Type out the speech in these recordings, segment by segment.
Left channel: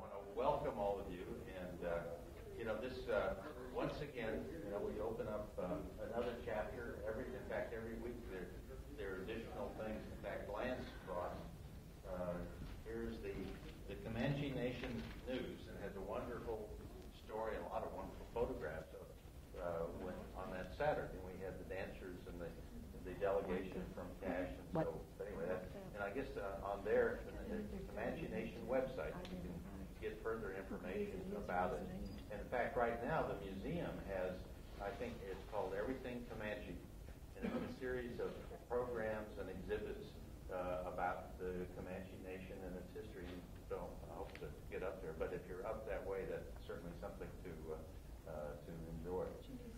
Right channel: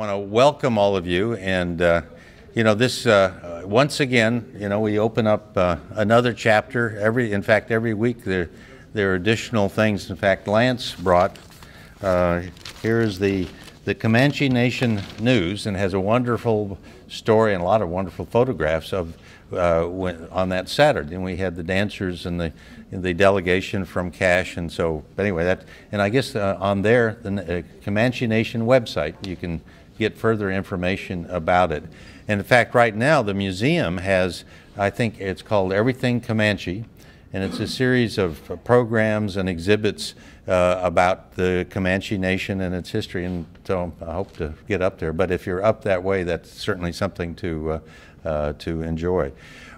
want to welcome all of you, and this once again, we open up another chapter. In fact, every week there are additional things. In fact, Lance brought here is the Comanche Nation News, and has a wonderful story and a lot of wonderful photographs of on that Saturday. And we had the dancers and the delegation from Cache, and so anyway, and I guess on there, the Comanche Nation website, you can get further information about it. And in fact, right now the museum has, I think it's called Everything Comanche, and it's a series of programs and exhibits about the Comanche Nation and its history, and so I hope to get up there. But if you're up that way, that's certainly something to enjoy.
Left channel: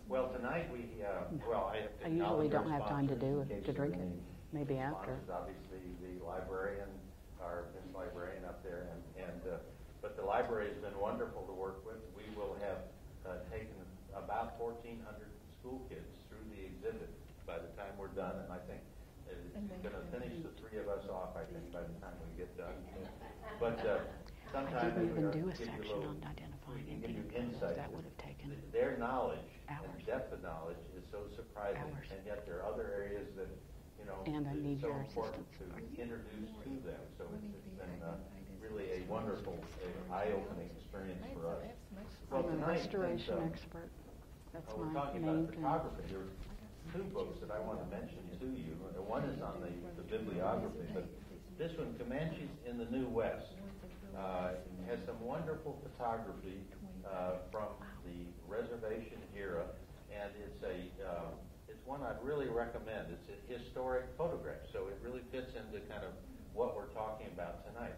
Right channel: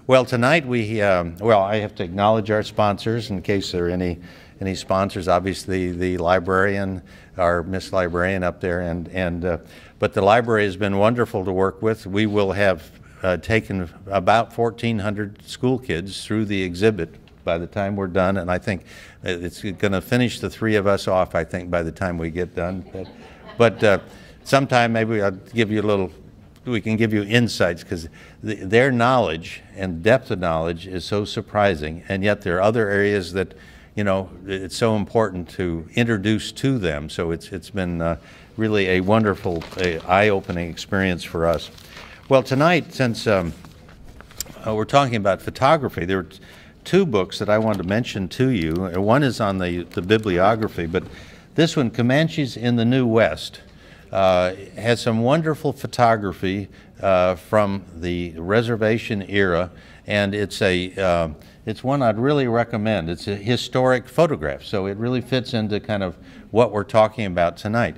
Well, tonight I have to acknowledge our sponsors in case there are any sponsors. Obviously, the librarian, our Miss Librarian up there, but the library has been wonderful to work with. We will have taken about 1,400 school kids through the exhibit by the time we're done, and I think it's going to finish the three of us off, I think, by the time we get done. But sometime maybe I'll give you a little, we can give you insights, because their knowledge and depth of knowledge is so surprising, and yet there are other areas that, it's so important to introduce to them. So it's been really a wonderful, eye-opening experience for us. Well, tonight, since we're talking about photography, there are two books that I wanted to mention to you. One is on the bibliography, but this one, Comanches in the New West, has some wonderful photography from the reservation era, and it's one I'd really recommend. It's a historic photograph, so it really fits into kind of what we're talking about tonight.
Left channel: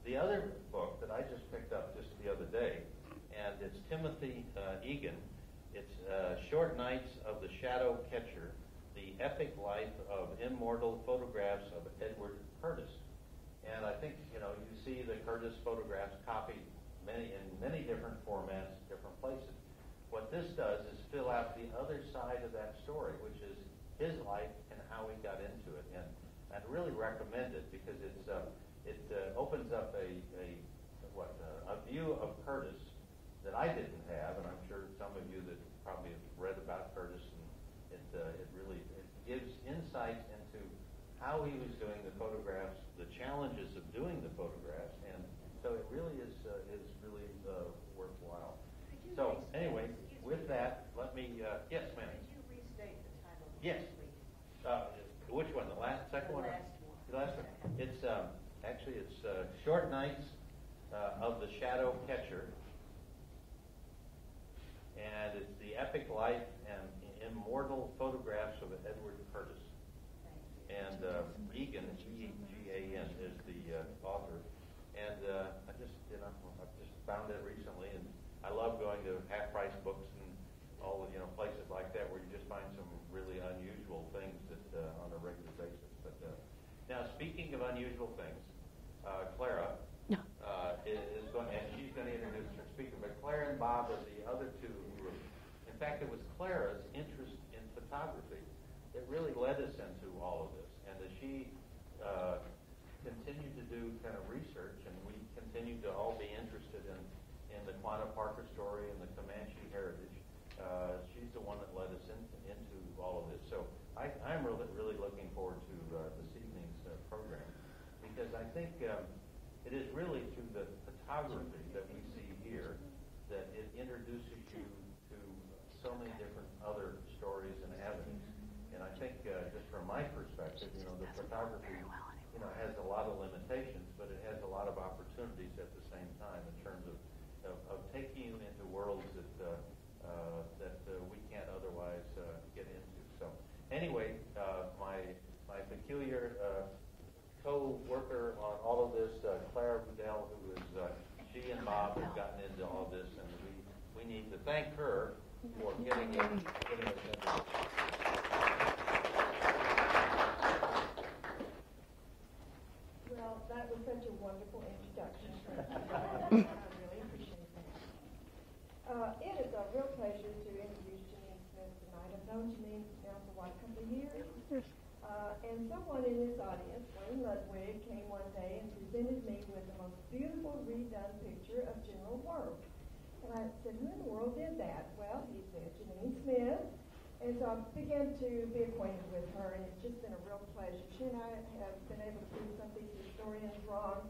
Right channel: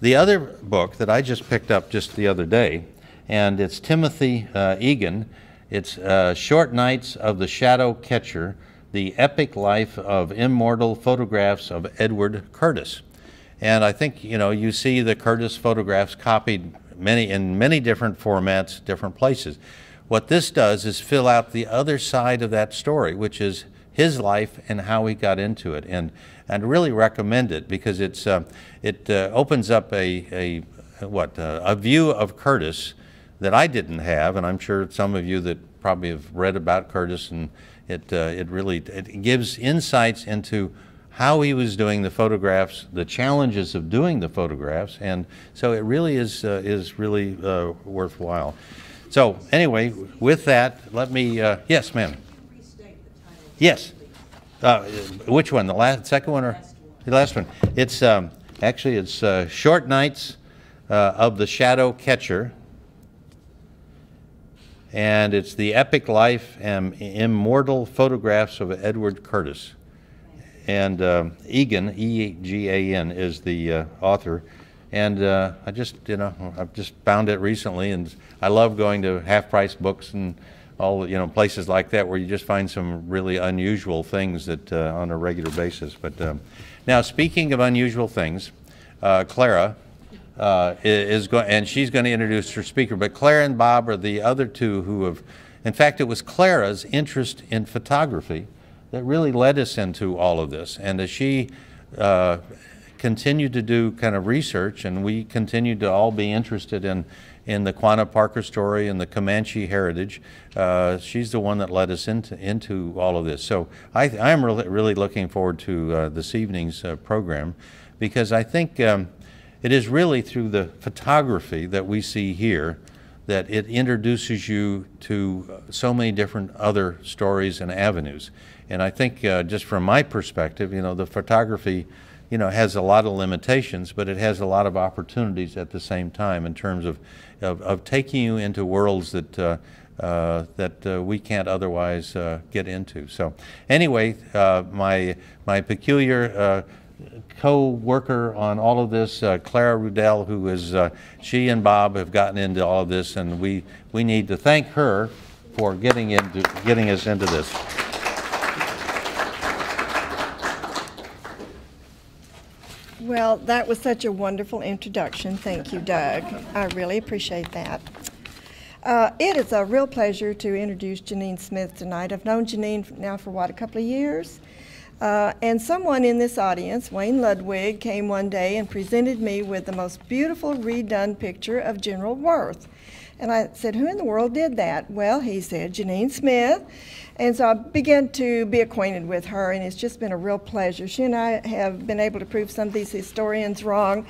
The other book that I just picked up just the other day, and it's Timothy Egan. It's Short Nights of the Shadow Catcher, The Epic Life of Immortal Photographs of Edward Curtis. And I think, you see the Curtis photographs copied in many different formats, different places. What this does is fill out the other side of that story, which is his life and how he got into it. And I'd really recommend it, because it opens up a view of Curtis that I didn't have, and I'm sure some of you that probably have read about Curtis, and it gives insights into how he was doing the photographs, the challenges of doing the photographs, and so it really is really worthwhile. So anyway, with that, let me yes, ma'am. Yes. Which one? The second one, or the last one? It's actually it's Short Nights of the Shadow Catcher, and it's The Epic Life and Immortal Photographs of Edward Curtis. And Egan, E-G-A-N, is the author. And I've just found it recently, and I love going to half-price books and all, places like that where you just find some really unusual things that on a regular basis. But now, speaking of unusual things, Clara is going, and she's going to introduce her speaker. But Clara and Bob are the other two who have, in fact, it was Clara's interest in photography that really led us into all of this. And as she continued to do kind of research, and we continued to all be interested in the Quanah Parker story and the Comanche heritage, she's the one that led us into all of this. So I'm really looking forward to this evening's program, because I think it is really through the photography that we see here that it introduces you to so many different other stories and avenues. And I think just from my perspective, the photography, has a lot of limitations, but it has a lot of opportunities at the same time in terms of taking you into worlds that we can't otherwise get into. So anyway, my peculiar co-worker on all of this, Clara Rudell, who is, she and Bob have gotten into all of this, and we need to thank her for getting us into this. Well, that was such a wonderful introduction. Thank you, Doug. I really appreciate that. It is a real pleasure to introduce Janine Smith tonight. I've known Janine now for, a couple of years? And someone in this audience, Wayne Ludwig, came one day and presented me with the most beautiful redone picture of General Worth. And I said, who in the world did that? Well, he said, Janine Smith. And so I began to be acquainted with her, and it's just been a real pleasure. She and I have been able to prove some of these historians wrong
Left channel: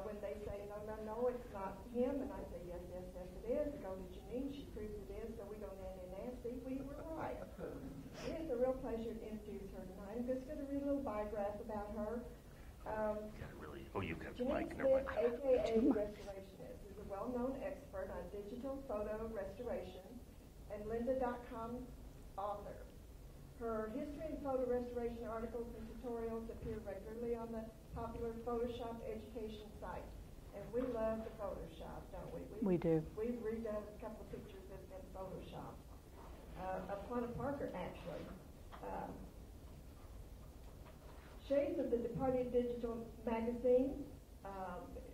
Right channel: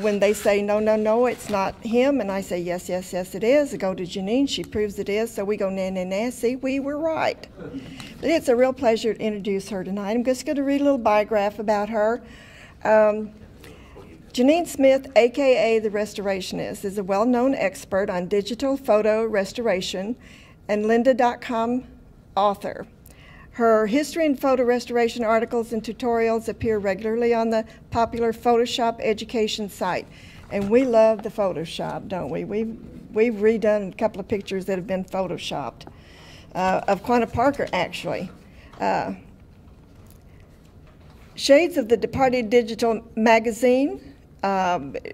when they say, no, no, no, it's not him. And I say, yes, yes, yes, it is. I go to Janine, she proves it is. So we go, nah, nah, nah, see, we were right. But it's a real pleasure to introduce her tonight. I'm just going to read a little biograph about her. Janine Smith, a.k.a. the Restorationist, is a well-known expert on digital photo restoration and lynda.com author. Her history and photo restoration articles and tutorials appear regularly on the popular Photoshop education site. And we love the Photoshop, don't we? We do. We've redone a couple of pictures that have been Photoshopped, of Quanah Parker, actually. Shades of the Departed Digital magazine.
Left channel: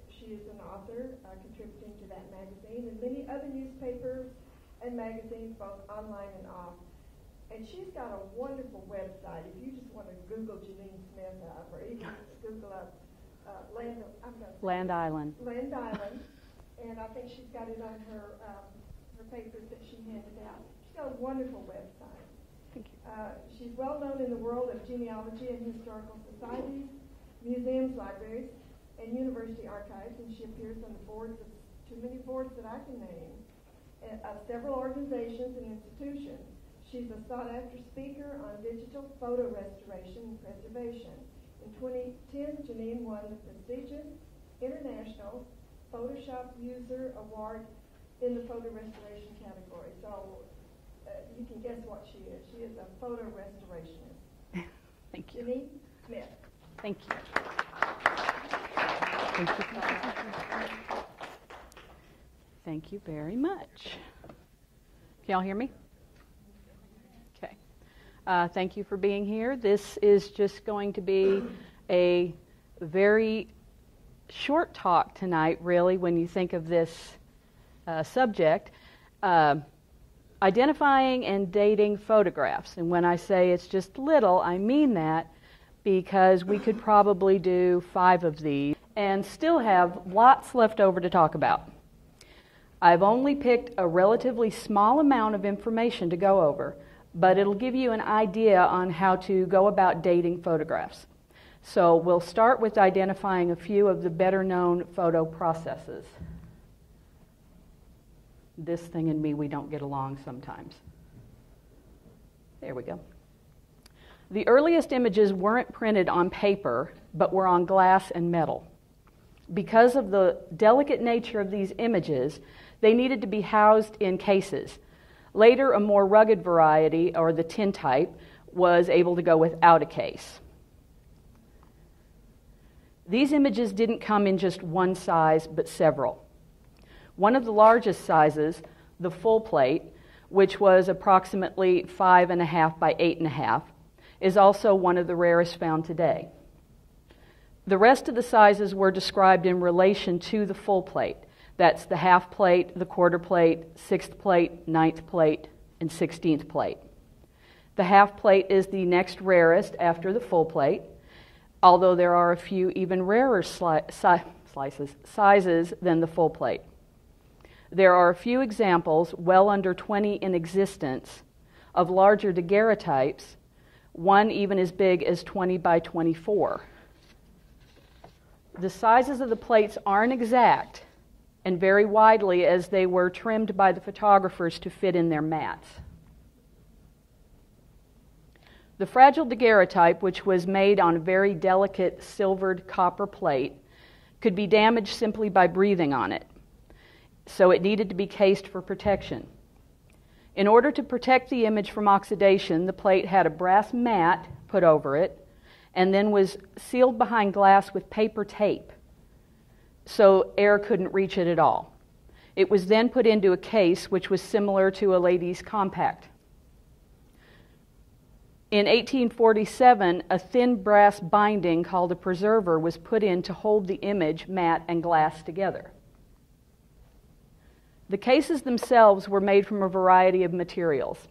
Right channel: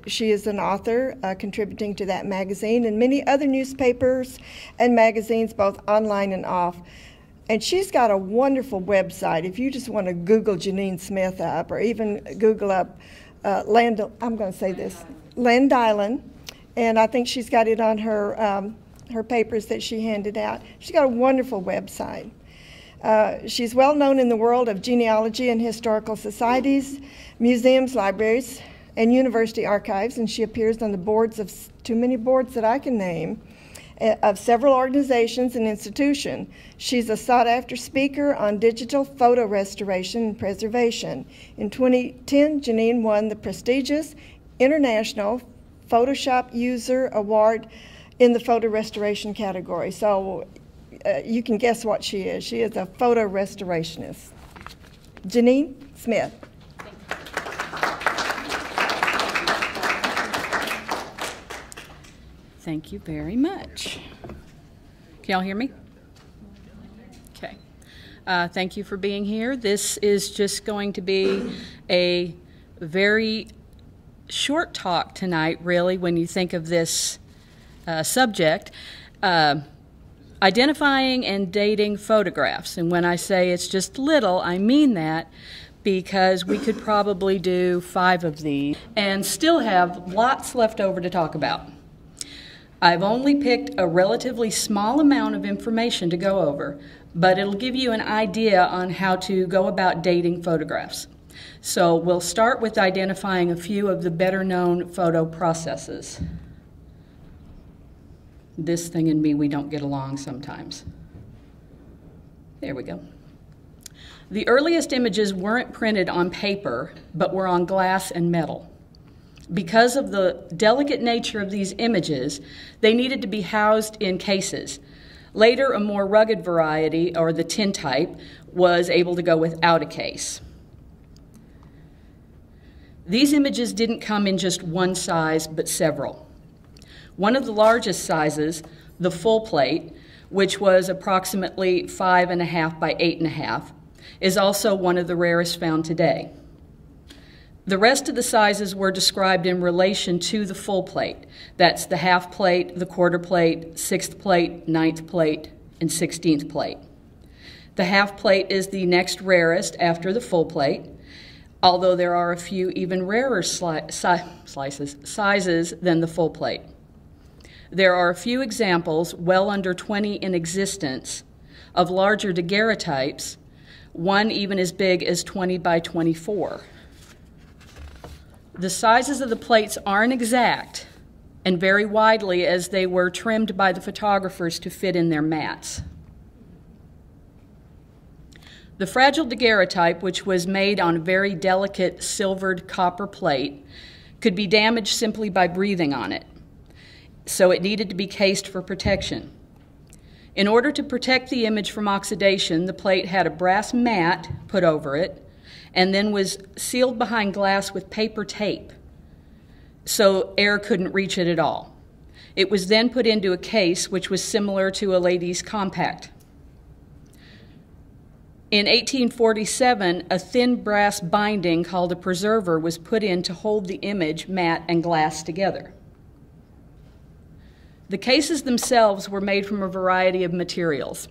She is an author contributing to that magazine and many other newspapers and magazines, both online and off. And she's got a wonderful website. If you just want to Google Janine Smith up, or even Google up Landailyn. And I think she's got it on her, her papers that she handed out. She's got a wonderful website. She's well known in the world of genealogy and historical societies, museums, libraries, and university archives, and she appears on the boards of, too many boards that I can name, of several organizations and institutions. She's a sought-after speaker on digital photo restoration and preservation. In 2010, Janine won the prestigious International Photoshop User Award in the photo restoration category. So you can guess what she is. She is a photo restorationist. Janine Smith. Thank you. Thank you very much. Can y'all hear me? Okay. Thank you for being here. This is just going to be a very short talk tonight, really, when you think of this subject. Identifying and dating photographs. And when I say it's just little, I mean that because we could probably do 5 of these and still have lots left over to talk about. I've only picked a relatively small amount of information to go over, but it'll give you an idea on how to go about dating photographs. So we'll start with identifying a few of the better-known photo processes. This thing and me, we don't get along sometimes. There we go. The earliest images weren't printed on paper, but were on glass and metal. Because of the delicate nature of these images, they needed to be housed in cases. Later, a more rugged variety, or the tin type, was able to go without a case. These images didn't come in just one size, but several. One of the largest sizes, the full plate, which was approximately 5.5 by 8.5, is also one of the rarest found today. The rest of the sizes were described in relation to the full plate. That's the half plate, the quarter plate, 6th plate, 9th plate, and 16th plate. The half plate is the next rarest after the full plate, although there are a few even rarer sizes than the full plate. There are a few examples, well under 20 in existence, of larger daguerreotypes, one even as big as 20 by 24. The sizes of the plates aren't exact and vary widely as they were trimmed by the photographers to fit in their mats. The fragile daguerreotype, which was made on very delicate silvered copper plate, could be damaged simply by breathing on it, so it needed to be cased for protection. In order to protect the image from oxidation, the plate had a brass mat put over it and then was sealed behind glass with paper tape, so air couldn't reach it at all. It was then put into a case which was similar to a lady's compact. In 1847, a thin brass binding called a preserver was put in to hold the image, mat, and glass together. The cases themselves were made from a variety of materials.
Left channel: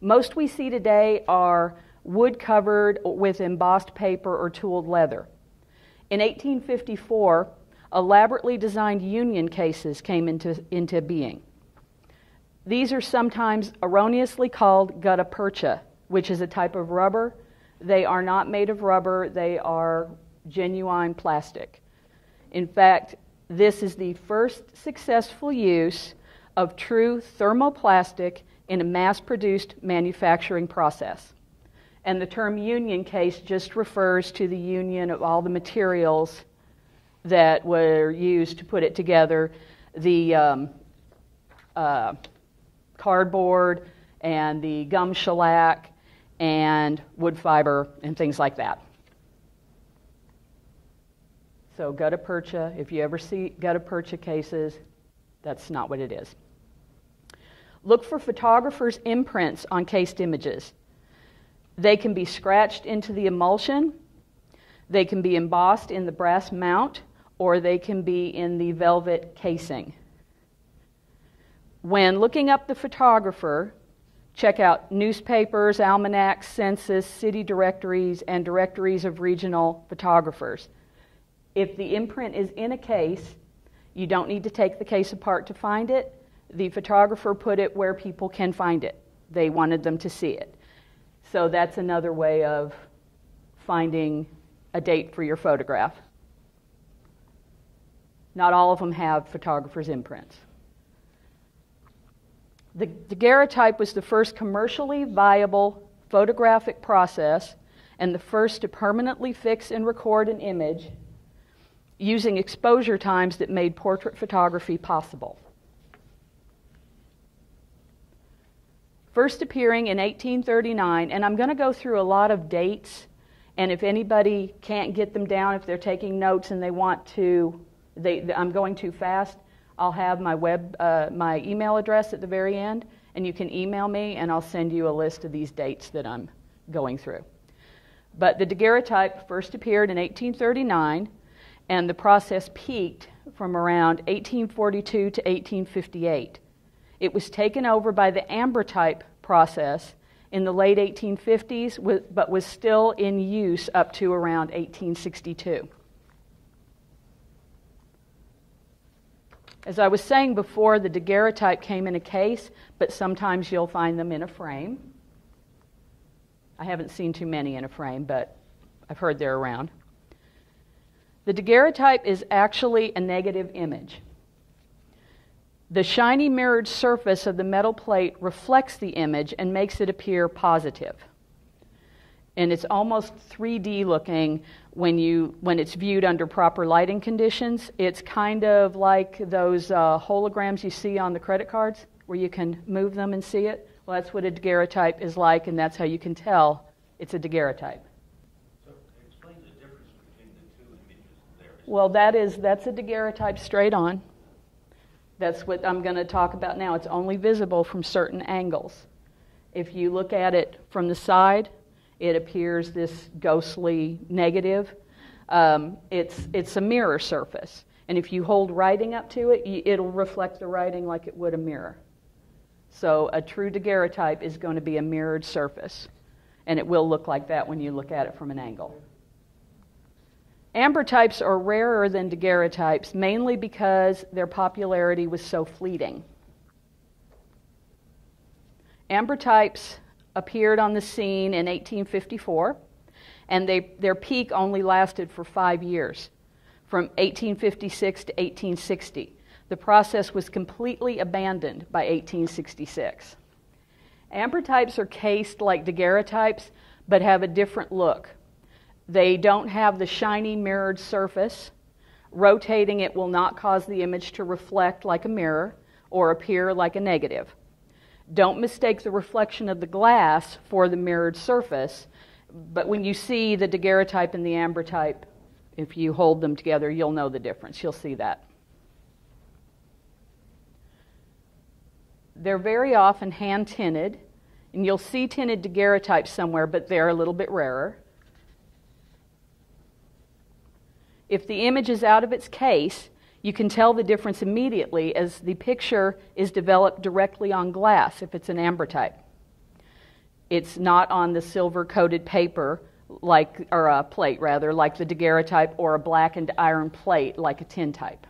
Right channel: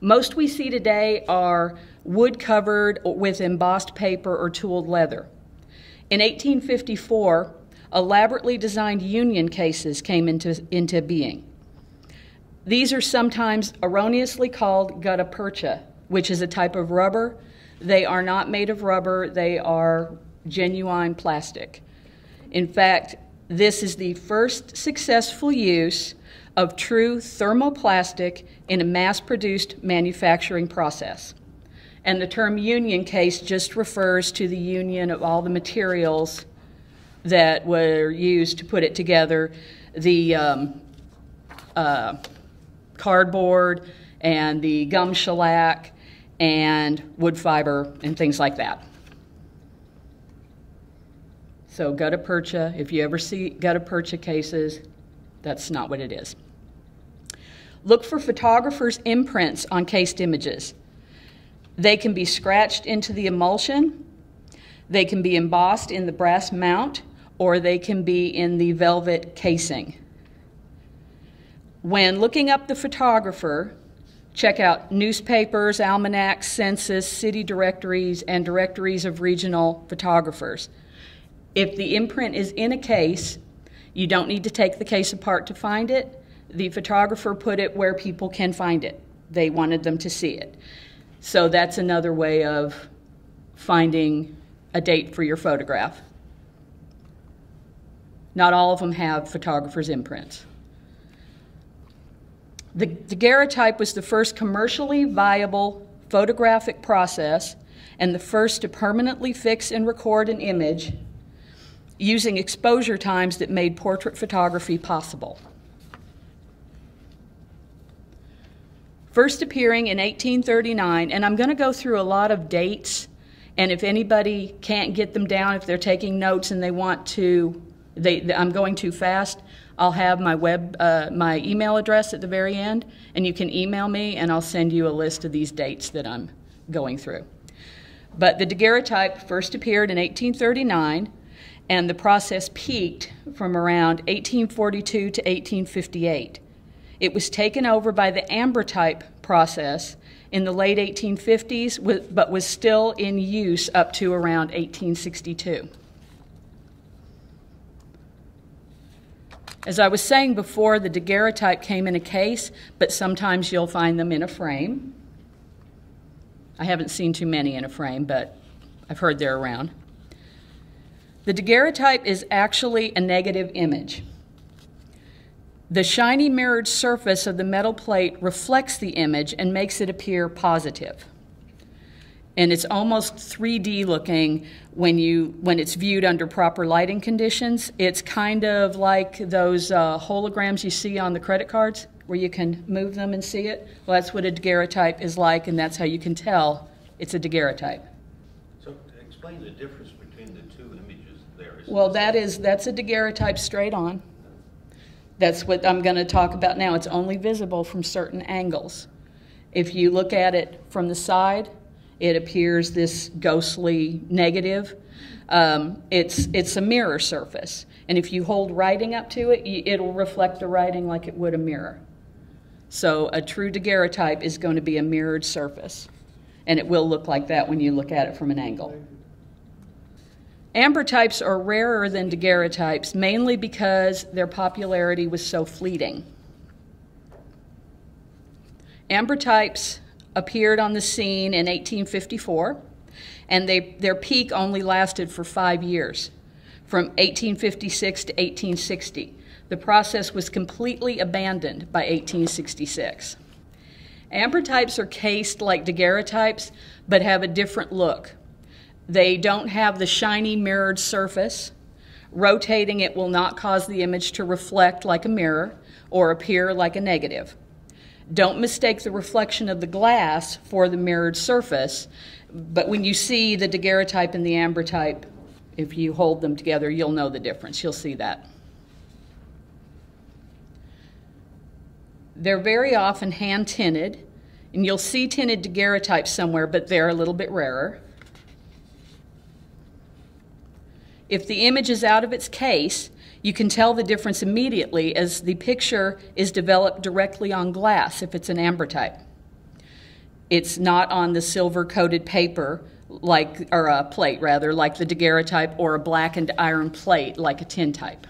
Most we see today are wood covered with embossed paper or tooled leather. In 1854, elaborately designed union cases came into being. These are sometimes erroneously called gutta percha, which is a type of rubber. They are not made of rubber, they are genuine plastic. In fact, this is the first successful use of true thermoplastic in a mass-produced manufacturing process. And the term union case just refers to the union of all the materials that were used to put it together, the cardboard and the gum shellac and wood fiber and things like that. So gutta percha, if you ever see gutta percha cases, that's not what it is. Look for photographers' imprints on cased images. They can be scratched into the emulsion, they can be embossed in the brass mount, or they can be in the velvet casing. When looking up the photographer, check out newspapers, almanacs, census, city directories, and directories of regional photographers. If the imprint is in a case, you don't need to take the case apart to find it. The photographer put it where people can find it. They wanted them to see it. So that's another way of finding a date for your photograph. Not all of them have photographer's imprints. The daguerreotype was the first commercially viable photographic process and the first to permanently fix and record an image using exposure times that made portrait photography possible. First appearing in 1839, and I'm going to go through a lot of dates, and if anybody can't get them down, if they're taking notes and they want to, I'm going too fast, I'll have my email address at the very end, and you can email me, and I'll send you a list of these dates that I'm going through. But the daguerreotype first appeared in 1839, and the process peaked from around 1842 to 1858. It was taken over by the ambrotype process in the late 1850s, but was still in use up to around 1862. As I was saying before, the daguerreotype came in a case, but sometimes you'll find them in a frame. I haven't seen too many in a frame, but I've heard they're around. The daguerreotype is actually a negative image. The shiny mirrored surface of the metal plate reflects the image and makes it appear positive. And it's almost 3D looking when it's viewed under proper lighting conditions. It's kind of like those holograms you see on the credit cards where you can move them and see it. Well, that's what a daguerreotype is like, and that's how you can tell it's a daguerreotype. So explain the difference between the two images there. Well, that's a daguerreotype straight on. That's what I'm going to talk about now. It's only visible from certain angles. If you look at it from the side, it appears this ghostly negative. It's a mirror surface. And if you hold writing up to it, it'll reflect the writing like it would a mirror. So a true daguerreotype is going to be a mirrored surface. And it will look like that when you look at it from an angle. Ambrotypes are rarer than daguerreotypes, mainly because their popularity was so fleeting. Ambrotypes appeared on the scene in 1854, and their peak only lasted for 5 years, from 1856 to 1860. The process was completely abandoned by 1866. Ambrotypes are cased like daguerreotypes, but have a different look. They don't have the shiny mirrored surface. Rotating it will not cause the image to reflect like a mirror or appear like a negative. Don't mistake the reflection of the glass for the mirrored surface, but when you see the daguerreotype and the ambrotype, if you hold them together, you'll know the difference. You'll see that. They're very often hand-tinted, and you'll see tinted daguerreotypes somewhere, but they're a little bit rarer. If the image is out of its case, you can tell the difference immediately as the picture is developed directly on glass if it's an ambrotype. It's not on the silver-coated paper, or a plate rather, like the daguerreotype, or a blackened iron plate like a tintype.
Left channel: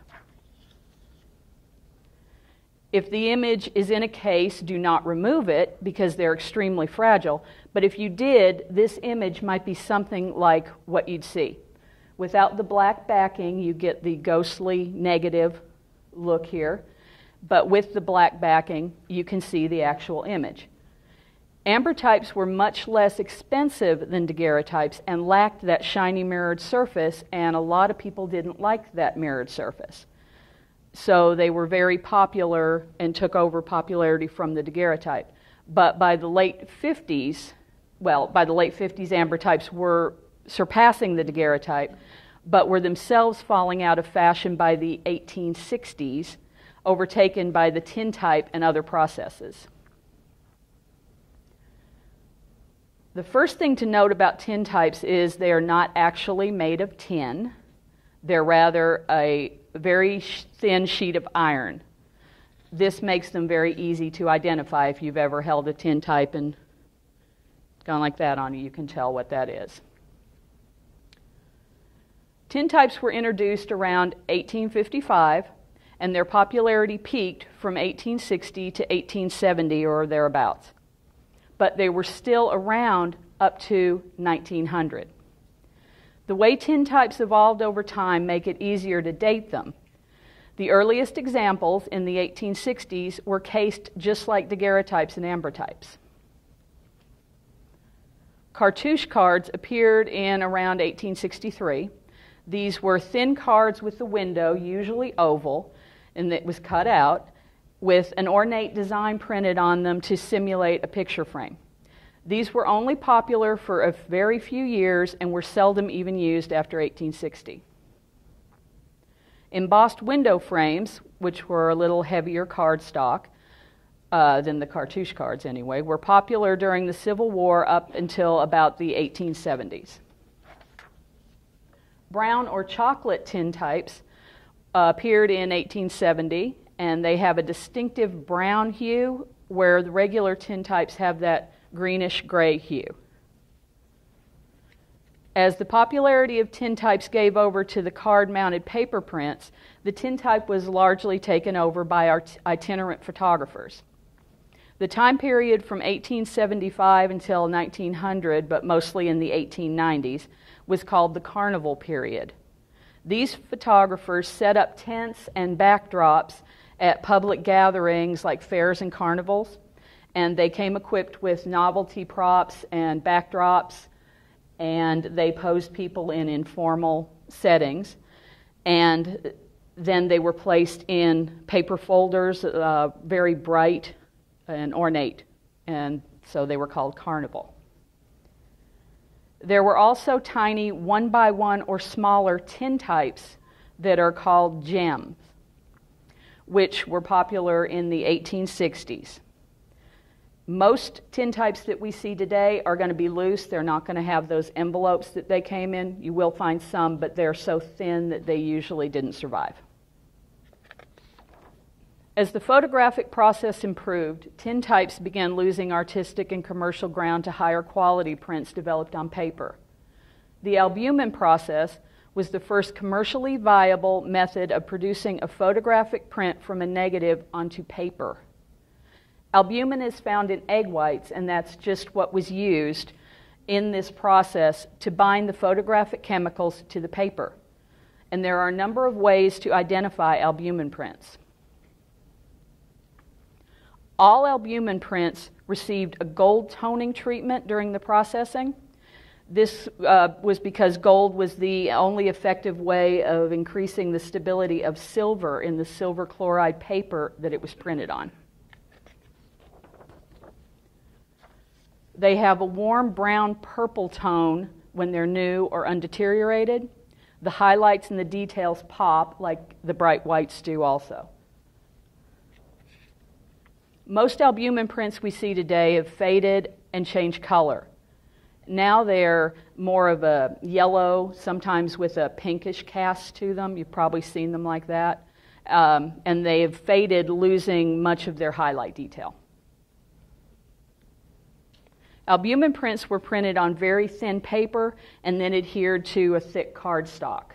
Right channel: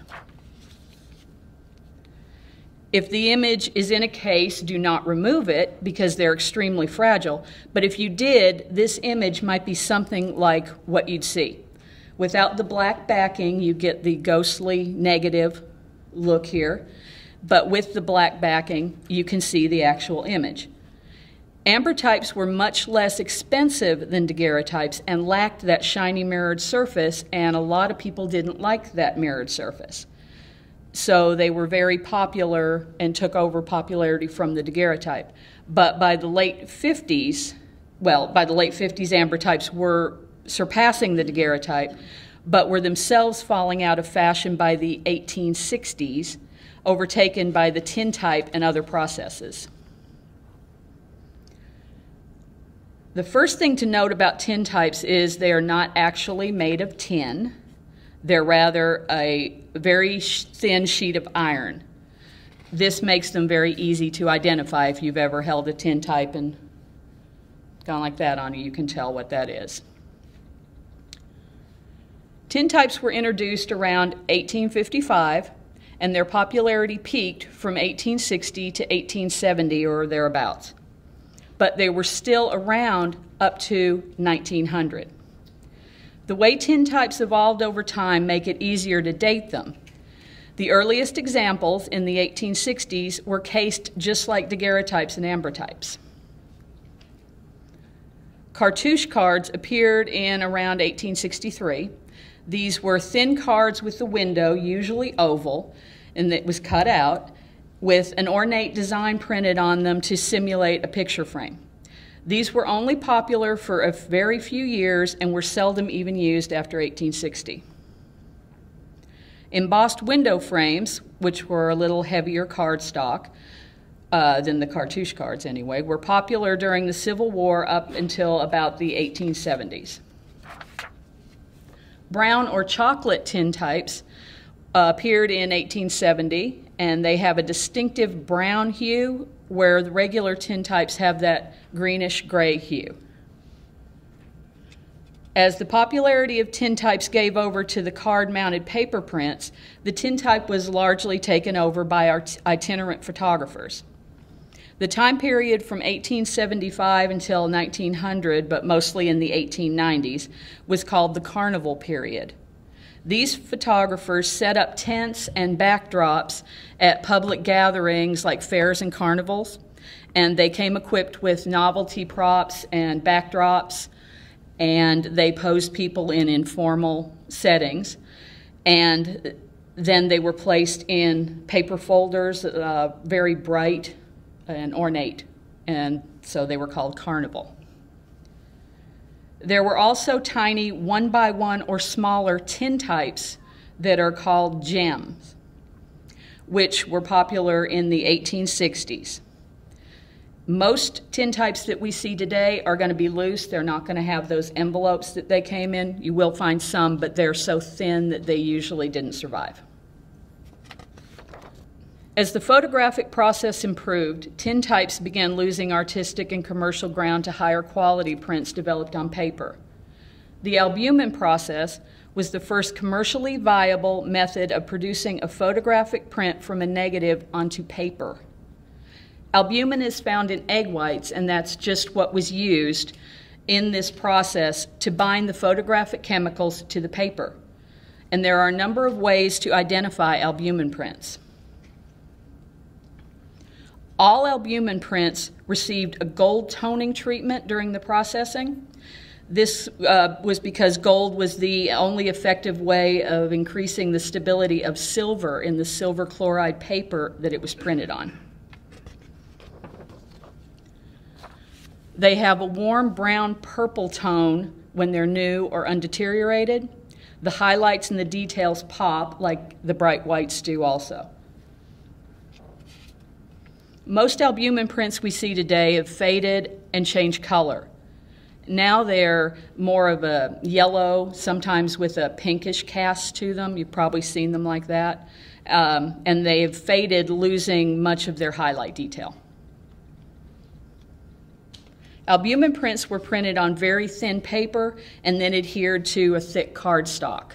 If the image is in a case, do not remove it because they're extremely fragile. But if you did, this image might be something like what you'd see. Without the black backing, you get the ghostly negative look here. But with the black backing, you can see the actual image. Ambrotypes were much less expensive than daguerreotypes and lacked that shiny mirrored surface, and a lot of people didn't like that mirrored surface. So they were very popular and took over popularity from the daguerreotype. But by the late 50s, ambrotypes were surpassing the daguerreotype, but were themselves falling out of fashion by the 1860s, overtaken by the tintype and other processes. The first thing to note about tintypes is they are not actually made of tin. They're rather a very thin sheet of iron. This makes them very easy to identify. If you've ever held a tintype and gone like that on you, you can tell what that is. Tintypes were introduced around 1855, and their popularity peaked from 1860 to 1870 or thereabouts. But they were still around up to 1900. The way tintypes evolved over time make it easier to date them. The earliest examples in the 1860s were cased just like daguerreotypes and ambrotypes. Cartouche cards appeared in around 1863. These were thin cards with the window, usually oval, and it was cut out, with an ornate design printed on them to simulate a picture frame. These were only popular for a very few years and were seldom even used after 1860. Embossed window frames, which were a little heavier cardstock than the cartouche cards anyway, were popular during the Civil War up until about the 1870s. Brown or chocolate tintypes appeared in 1870, and they have a distinctive brown hue where the regular tintypes have that greenish-gray hue. As the popularity of tintypes gave over to the card-mounted paper prints, the tintype was largely taken over by our itinerant photographers. The time period from 1875 until 1900, but mostly in the 1890s, was called the Carnival period. These photographers set up tents and backdrops at public gatherings like fairs and carnivals, and they came equipped with novelty props and backdrops, and they posed people in informal settings, and then they were placed in paper folders, very bright and ornate, and so they were called carnival. There were also tiny 1x1 or smaller tintypes that are called gems, which were popular in the 1860s. Most tintypes that we see today are going to be loose. They're not going to have those envelopes that they came in. You will find some, but they're so thin that they usually didn't survive. As the photographic process improved, tintypes began losing artistic and commercial ground to higher quality prints developed on paper. The albumen process was the first commercially viable method of producing a photographic print from a negative onto paper. Albumen is found in egg whites, and that's just what was used in this process to bind the photographic chemicals to the paper. And there are a number of ways to identify albumen prints. All albumen prints received a gold toning treatment during the processing. This was because gold was the only effective way of increasing the stability of silver in the silver chloride paper that it was printed on. They have a warm brown purple tone when they're new or undeteriorated. The highlights and the details pop like the bright whites do also. Most albumen prints we see today have faded and changed color. Now they're more of a yellow, sometimes with a pinkish cast to them. You've probably seen them like that. And they've faded, losing much of their highlight detail. Albumin prints were printed on very thin paper and then adhered to a thick cardstock.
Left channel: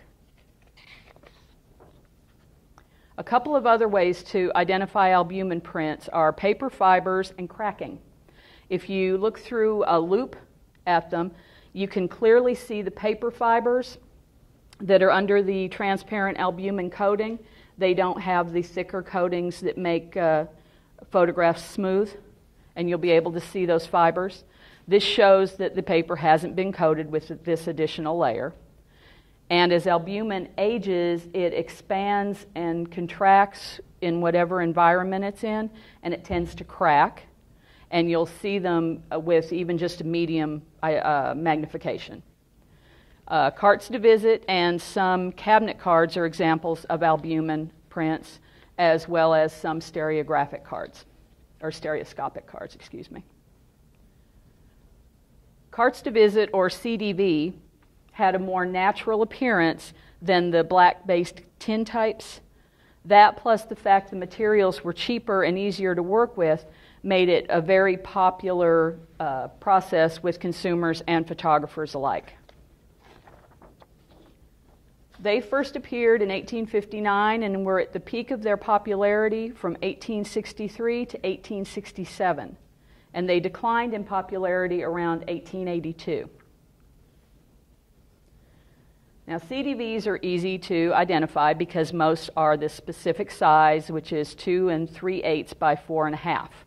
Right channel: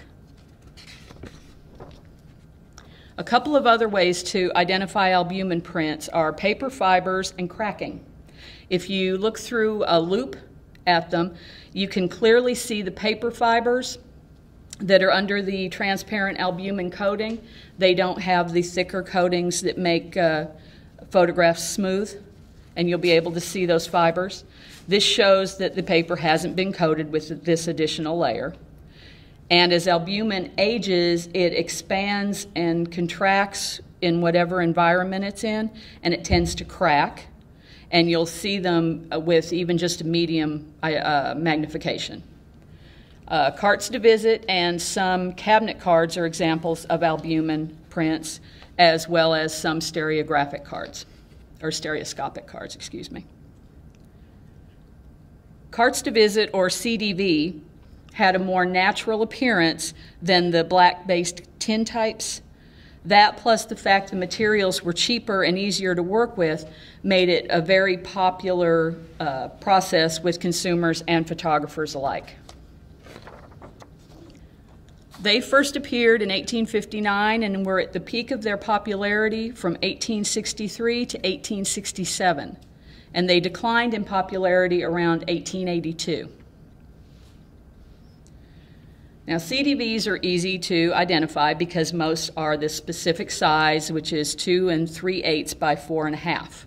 A couple of other ways to identify albumin prints are paper fibers and cracking. If you look through a loop at them, you can clearly see the paper fibers that are under the transparent albumin coating. They don't have the thicker coatings that make photographs smooth, and you'll be able to see those fibers. This shows that the paper hasn't been coated with this additional layer. And as albumin ages, it expands and contracts in whatever environment it's in, and it tends to crack. And you'll see them with even just a medium magnification. Cartes de visite and some cabinet cards are examples of albumin prints, as well as some stereographic cards, or stereoscopic cards, excuse me. Cartes de visite, or CDV, had a more natural appearance than the black-based tin types. That, plus the fact the materials were cheaper and easier to work with, made it a very popular process with consumers and photographers alike. They first appeared in 1859 and were at the peak of their popularity from 1863 to 1867, and they declined in popularity around 1882. Now, CDVs are easy to identify because most are the specific size, which is 2 3/8 by 4 1/2.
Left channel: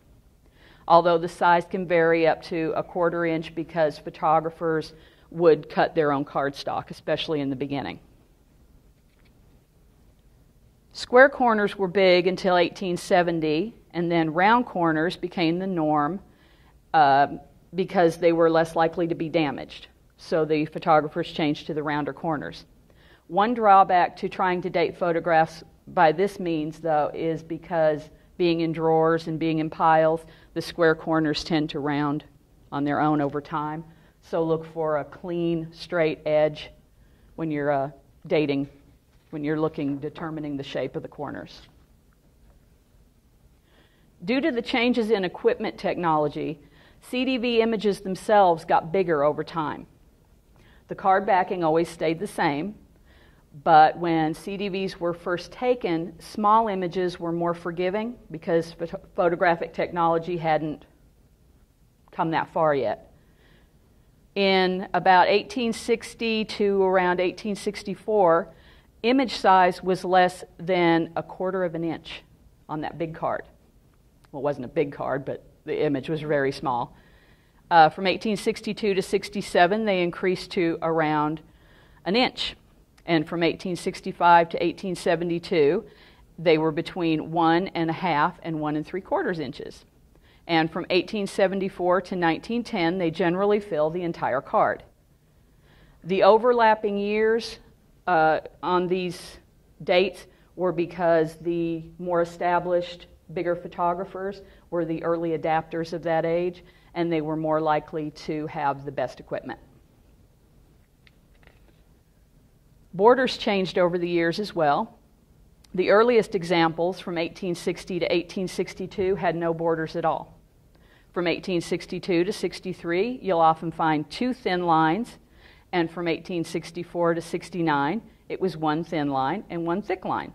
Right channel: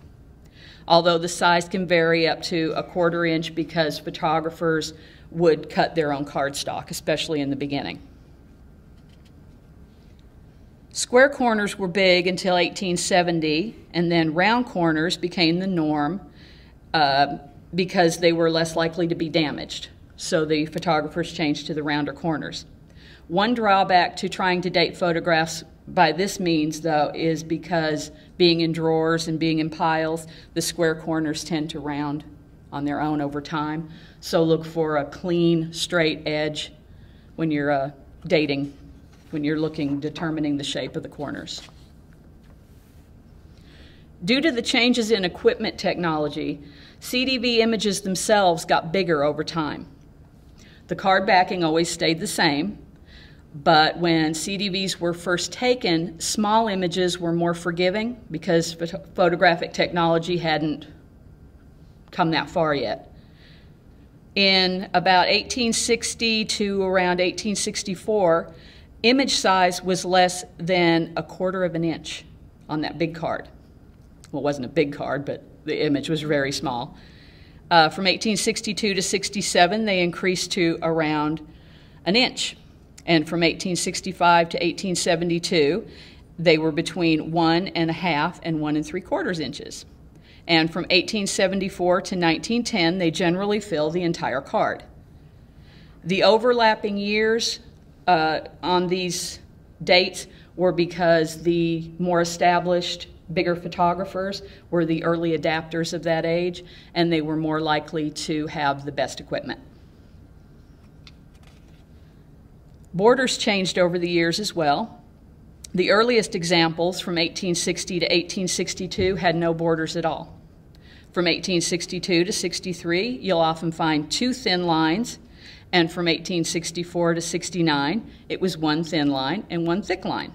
Although the size can vary up to 1/4 inch because photographers would cut their own cardstock, especially in the beginning. Square corners were big until 1870, and then round corners became the norm because they were less likely to be damaged. So the photographers changed to the rounder corners. One drawback to trying to date photographs by this means, though, is because being in drawers and being in piles, the square corners tend to round on their own over time. So look for a clean, straight edge when you're dating, when you're determining the shape of the corners. Due to the changes in equipment technology, CDV images themselves got bigger over time. The card backing always stayed the same, but when CDVs were first taken, small images were more forgiving because photographic technology hadn't come that far yet. In about 1860 to around 1864, image size was less than 1/4 inch on that big card. Well, it wasn't a big card, but the image was very small. From 1862 to 67, they increased to around 1 inch. And from 1865 to 1872, they were between 1 1/2 and 1 3/4 inches. And from 1874 to 1910, they generally fill the entire card. The overlapping years on these dates were because the more established, bigger photographers were the early adapters of that age, and they were more likely to have the best equipment. Borders changed over the years as well. The earliest examples from 1860 to 1862 had no borders at all. From 1862 to 63, you'll often find 2 thin lines, and from 1864 to 69, it was 1 thin line and 1 thick line.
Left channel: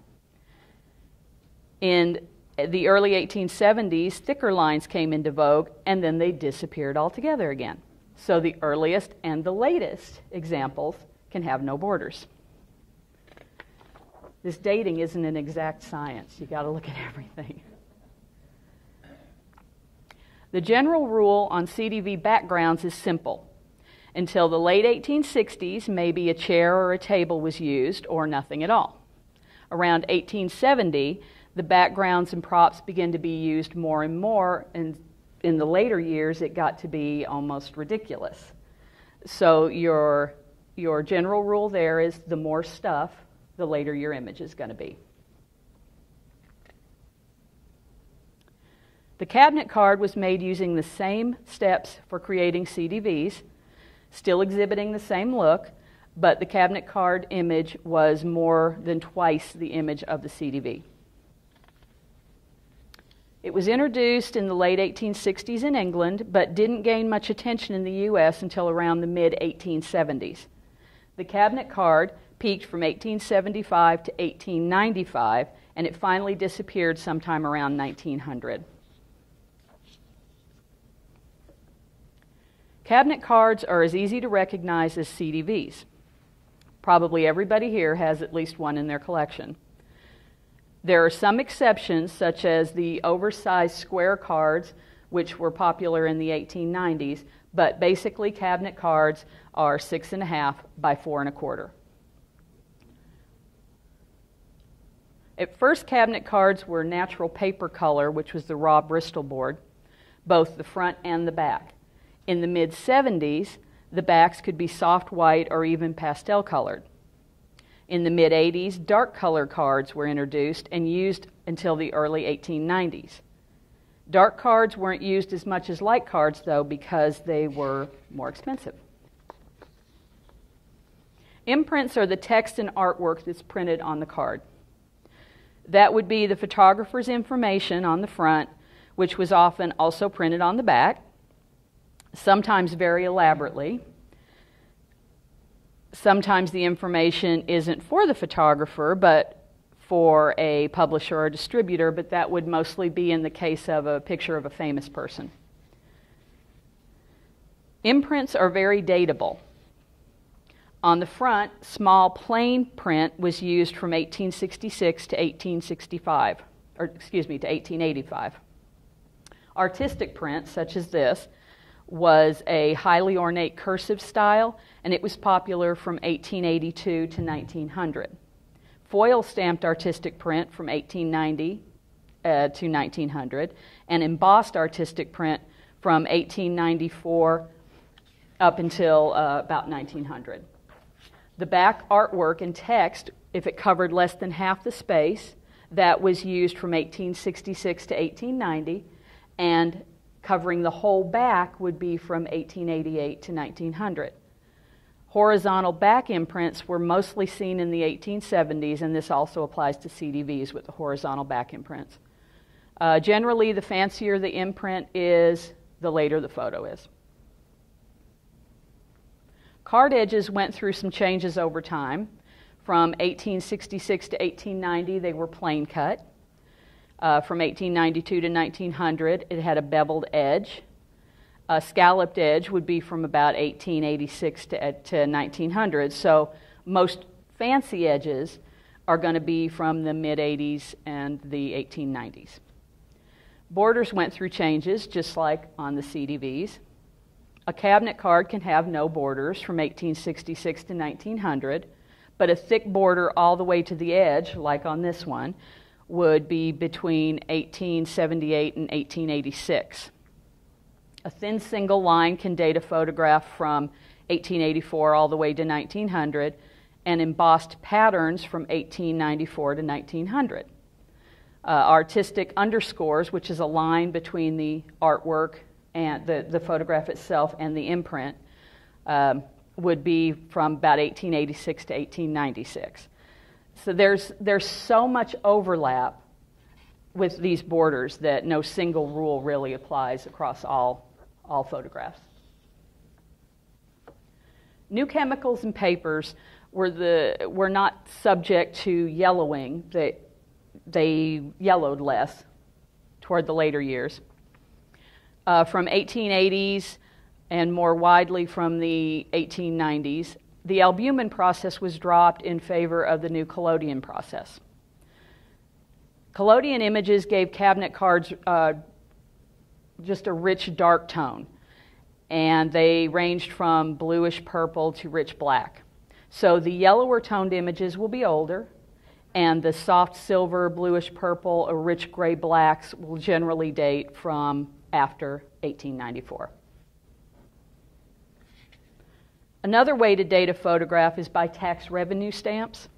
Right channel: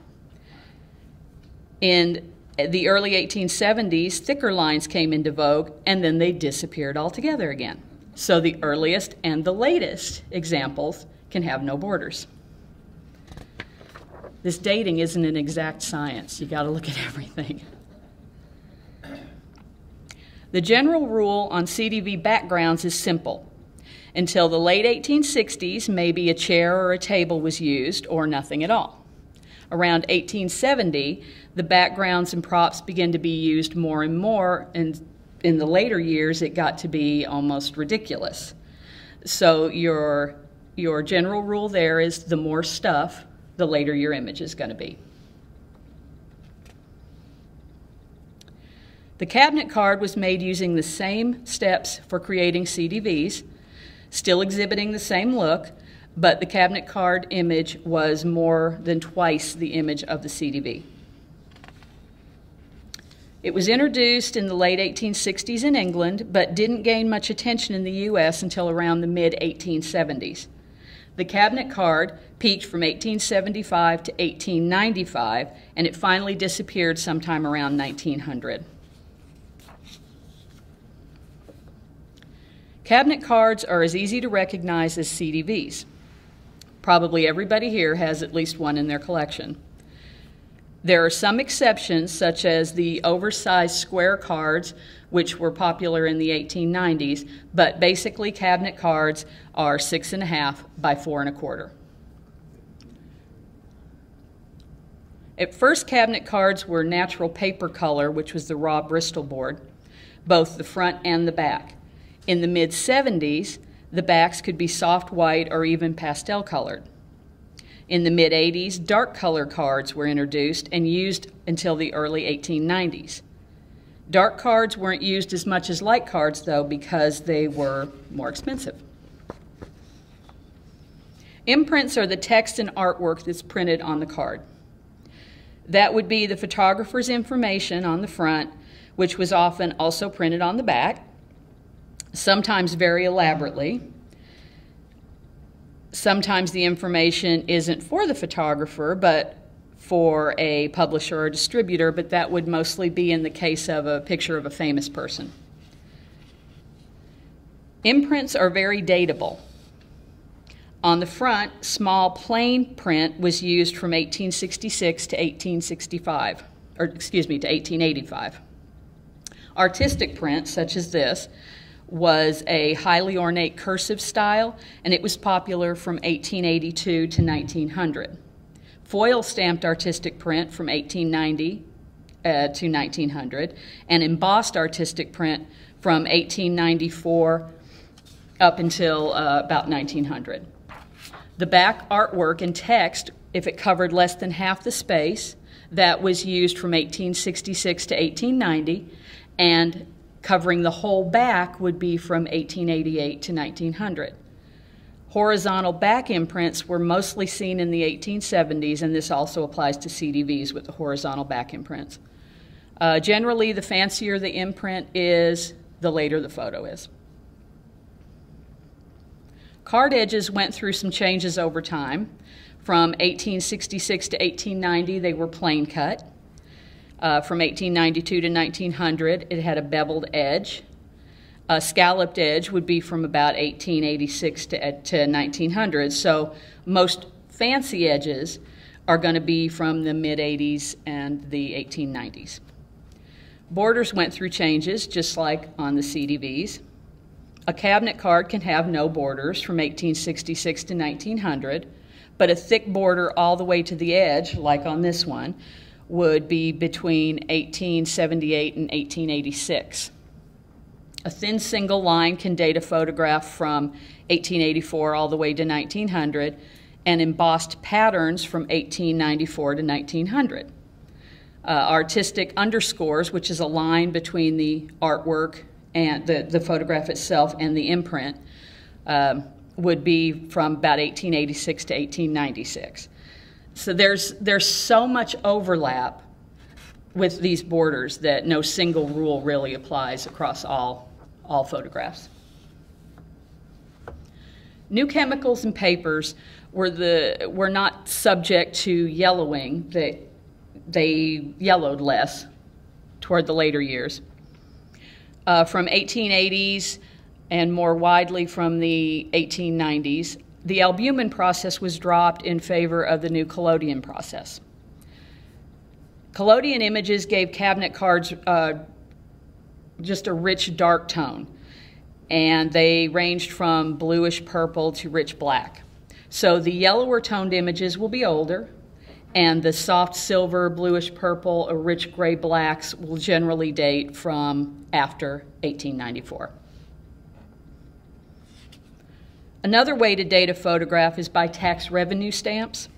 In the early 1870s, thicker lines came into vogue, and then they disappeared altogether again. So the earliest and the latest examples can have no borders. This dating isn't an exact science. You got to look at everything. The general rule on CDV backgrounds is simple. Until the late 1860s, maybe a chair or a table was used, or nothing at all. Around 1870, the backgrounds and props began to be used more and more, and in the later years, it got to be almost ridiculous. So your general rule there is the more stuff, the later your image is going to be. The cabinet card was made using the same steps for creating CDVs, still exhibiting the same look, but the cabinet card image was more than twice the image of the CDV. It was introduced in the late 1860s in England, but didn't gain much attention in the U.S. until around the mid-1870s. The cabinet card peaked from 1875 to 1895, and it finally disappeared sometime around 1900. Cabinet cards are as easy to recognize as CDVs. Probably everybody here has at least one in their collection. There are some exceptions, such as the oversized square cards, which were popular in the 1890s, but basically cabinet cards are 6.5 by 4.25. At first, cabinet cards were natural paper color, which was the raw Bristol board, both the front and the back. In the mid-70s, the backs could be soft white or even pastel colored. In the mid-80s, dark color cards were introduced and used until the early 1890s. Dark cards weren't used as much as light cards, though, because they were more expensive. Imprints are the text and artwork that's printed on the card. That would be the photographer's information on the front, which was often also printed on the back, sometimes very elaborately. Sometimes the information isn't for the photographer, but for a publisher or distributor, but that would mostly be in the case of a picture of a famous person. Imprints are very dateable. On the front, small plain print was used from 1866 to 1865, or excuse me, to 1885. Artistic print, such as this, was a highly ornate cursive style, and it was popular from 1882 to 1900. Foil stamped artistic print from 1890 to 1900, and embossed artistic print from 1894 up until about 1900. The back artwork and text, if it covered less than half the space, that was used from 1866 to 1890, and covering the whole back would be from 1888 to 1900. Horizontal back imprints were mostly seen in the 1870s, and this also applies to CDVs with the horizontal back imprints. Generally, the fancier the imprint is, the later the photo is. Card edges went through some changes over time. From 1866 to 1890, they were plain cut. From 1892 to 1900, it had a beveled edge. A scalloped edge would be from about 1886 to 1900. So most fancy edges are going to be from the mid-80s and the 1890s. Borders went through changes, just like on the CDVs. A cabinet card can have no borders from 1866 to 1900, but a thick border all the way to the edge, like on this one, would be between 1878 and 1886. A thin single line can date a photograph from 1884 all the way to 1900, and embossed patterns from 1894 to 1900. Artistic underscores, which is a line between the artwork and the photograph itself and the imprint, would be from about 1886 to 1896. So there's so much overlap with these borders that no single rule really applies across all photographs. New chemicals and papers were not subject to yellowing. They yellowed less toward the later years. From 1880s and more widely from the 1890s, the albumin process was dropped in favor of the new collodion process. Collodion images gave cabinet cards just a rich dark tone, and they ranged from bluish purple to rich black. So the yellower toned images will be older, and the soft silver, bluish purple, or rich gray blacks will generally date from after 1894. Another way to date a photograph is by tax revenue stamps.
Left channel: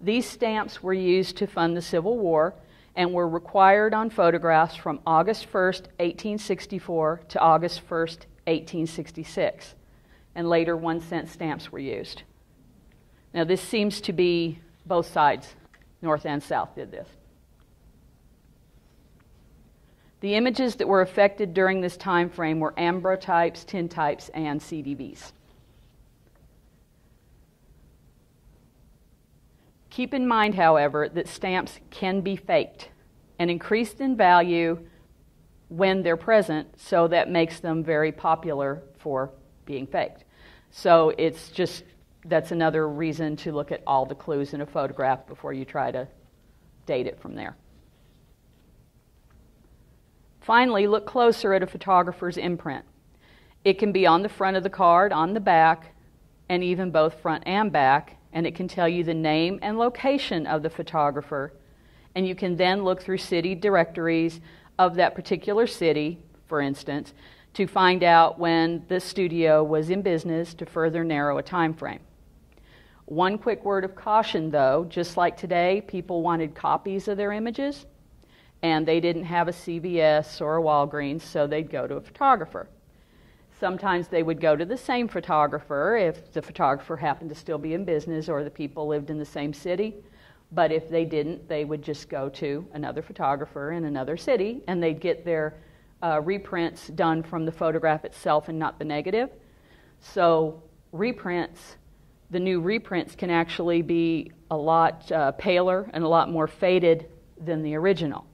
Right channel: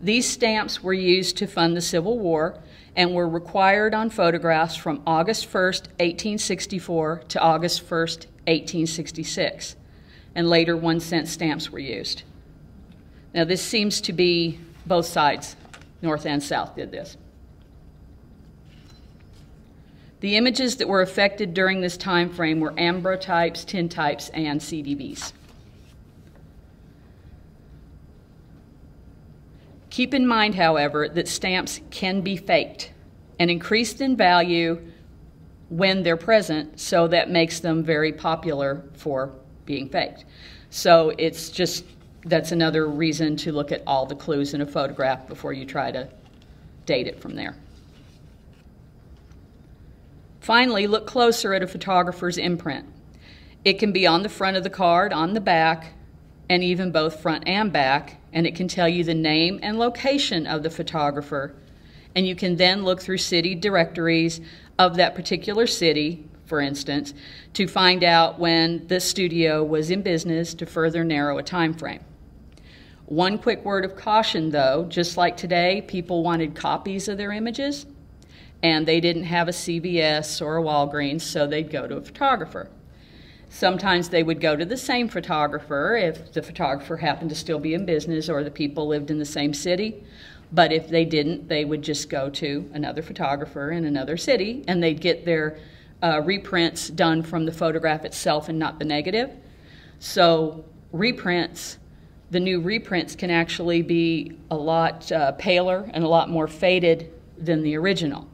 These stamps were used to fund the Civil War and were required on photographs from August 1st, 1864 to August 1st, 1866. And later 1-cent stamps were used. Now this seems to be both sides, North and South, did this. The images that were affected during this time frame were ambrotypes, tintypes, and CDBs. Keep in mind, however, that stamps can be faked and increased in value when they're present, so that makes them very popular for being faked. So it's just, that's another reason to look at all the clues in a photograph before you try to date it from there. Finally, look closer at a photographer's imprint. It can be on the front of the card, on the back, and even both front and back, and it can tell you the name and location of the photographer. And you can then look through city directories of that particular city, for instance, to find out when the studio was in business to further narrow a time frame. One quick word of caution, though, just like today, people wanted copies of their images, and they didn't have a CVS or a Walgreens, so they'd go to a photographer. Sometimes they would go to the same photographer if the photographer happened to still be in business or the people lived in the same city. But if they didn't, they would just go to another photographer in another city, and they'd get their reprints done from the photograph itself and not the negative. So reprints, the new reprints can actually be a lot paler and a lot more faded than the original.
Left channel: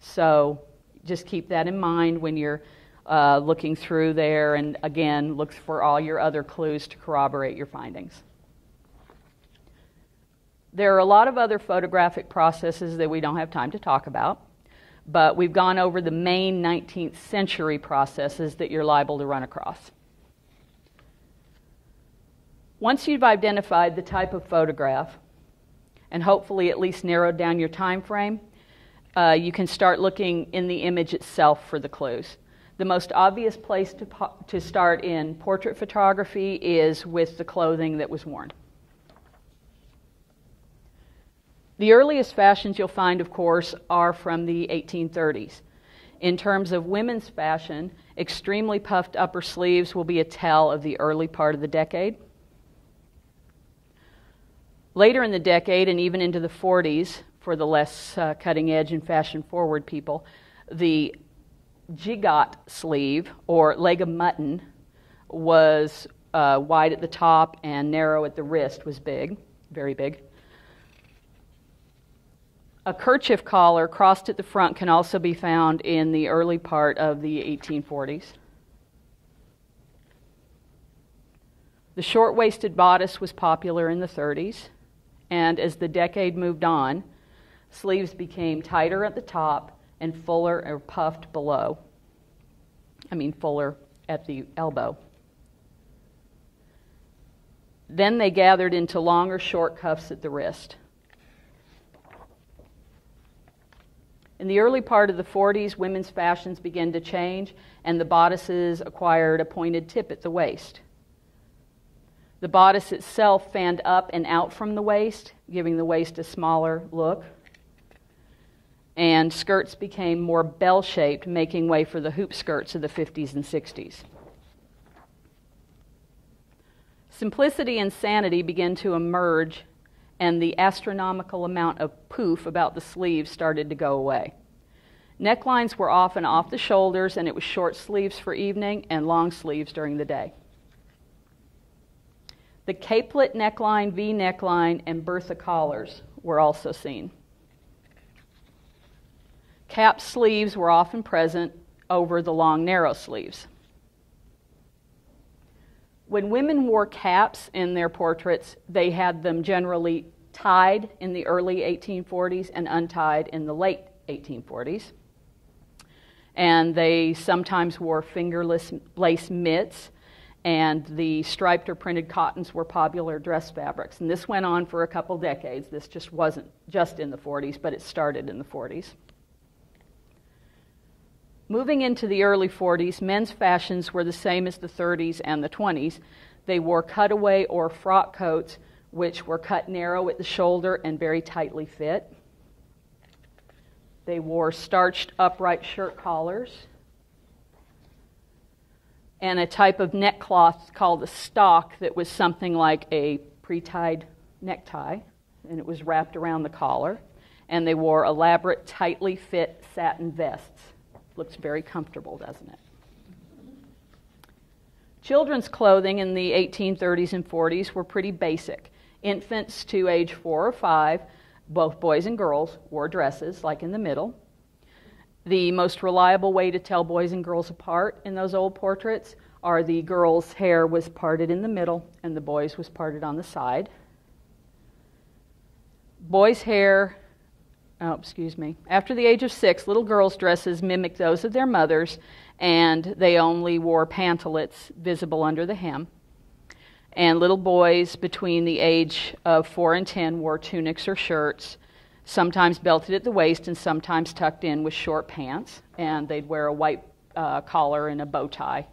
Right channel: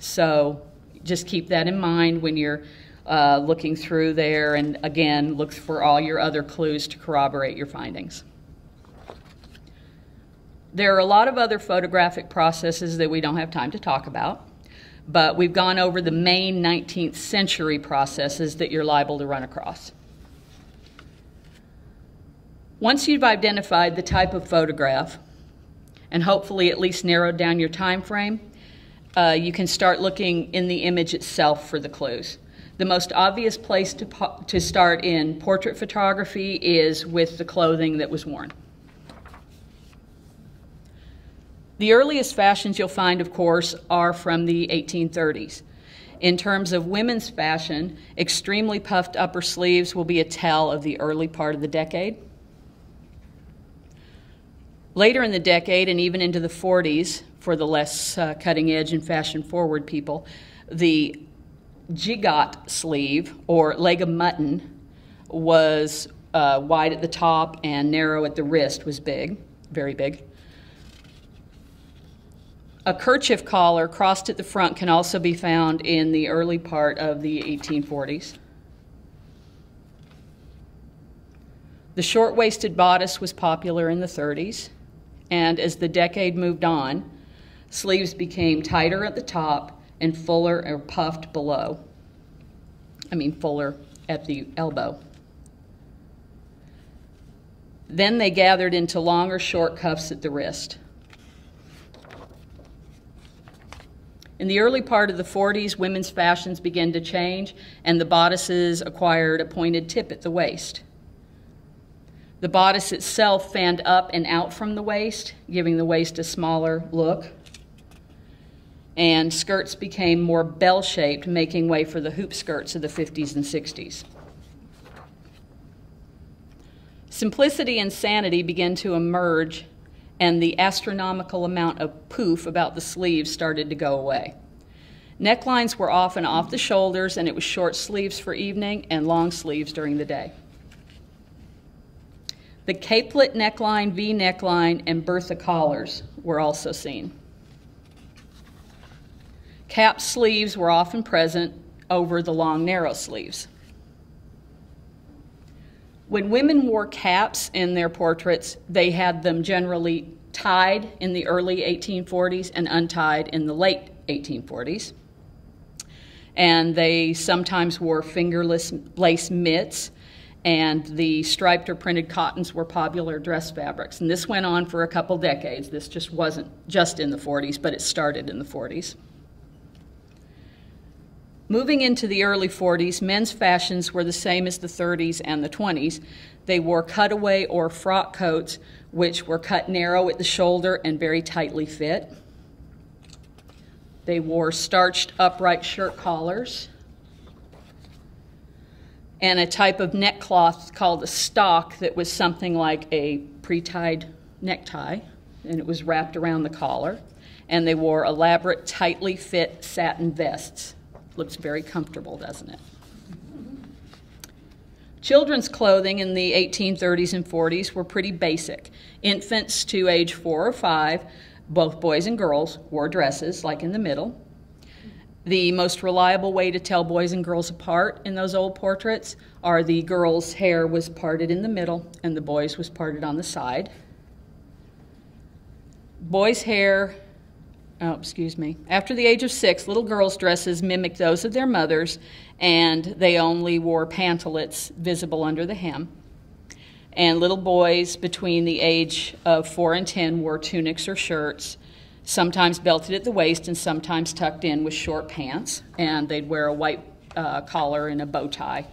So just keep that in mind when you're looking through there, and again, look for all your other clues to corroborate your findings. There are a lot of other photographic processes that we don't have time to talk about, but we've gone over the main 19th century processes that you're liable to run across. Once you've identified the type of photograph, and hopefully at least narrowed down your time frame, you can start looking in the image itself for the clues. The most obvious place to start in portrait photography is with the clothing that was worn. The earliest fashions you'll find, of course, are from the 1830s. In terms of women's fashion, extremely puffed upper sleeves will be a tell of the early part of the decade. Later in the decade, and even into the 40s, for the less cutting edge and fashion forward people, the gigot sleeve, or leg of mutton, was wide at the top and narrow at the wrist, was big, very big. A kerchief collar crossed at the front can also be found in the early part of the 1840s. The short-waisted bodice was popular in the 30s, and as the decade moved on, sleeves became tighter at the top and fuller or puffed below. Fuller at the elbow. Then they gathered into longer short cuffs at the wrist. In the early part of the 40s, women's fashions began to change, and the bodices acquired a pointed tip at the waist. The bodice itself fanned up and out from the waist, giving the waist a smaller look. And skirts became more bell-shaped, making way for the hoop skirts of the 50s and 60s. Simplicity and sanity began to emerge, and the astronomical amount of poof about the sleeves started to go away. Necklines were often off the shoulders, and it was short sleeves for evening and long sleeves during the day. The capelet neckline, V neckline, and Bertha collars were also seen. Cap sleeves were often present over the long, narrow sleeves. When women wore caps in their portraits, they had them generally tied in the early 1840s and untied in the late 1840s. And they sometimes wore fingerless lace mitts, and the striped or printed cottons were popular dress fabrics. And this went on for a couple decades. This just wasn't just in the 40s, but it started in the 40s. Moving into the early 40s, men's fashions were the same as the 30s and the 20s. They wore cutaway or frock coats, which were cut narrow at the shoulder and very tightly fit. They wore starched upright shirt collars and a type of neckcloth called a stock that was something like a pre-tied necktie, and it was wrapped around the collar. And they wore elaborate, tightly fit satin vests. Looks very comfortable, doesn't it? Children's clothing in the 1830s and 40s were pretty basic. Infants to age 4 or 5, both boys and girls, wore dresses, like in the middle. The most reliable way to tell boys and girls apart in those old portraits are the girls' hair was parted in the middle and the boys' was parted on the side. Boys' hair, after the age of 6, little girls' dresses mimicked those of their mothers, and they only wore pantalettes visible under the hem. And little boys between the age of 4 and 10 wore tunics or shirts, sometimes belted at the waist and sometimes tucked in with short pants, and they'd wear a white collar and a bow tie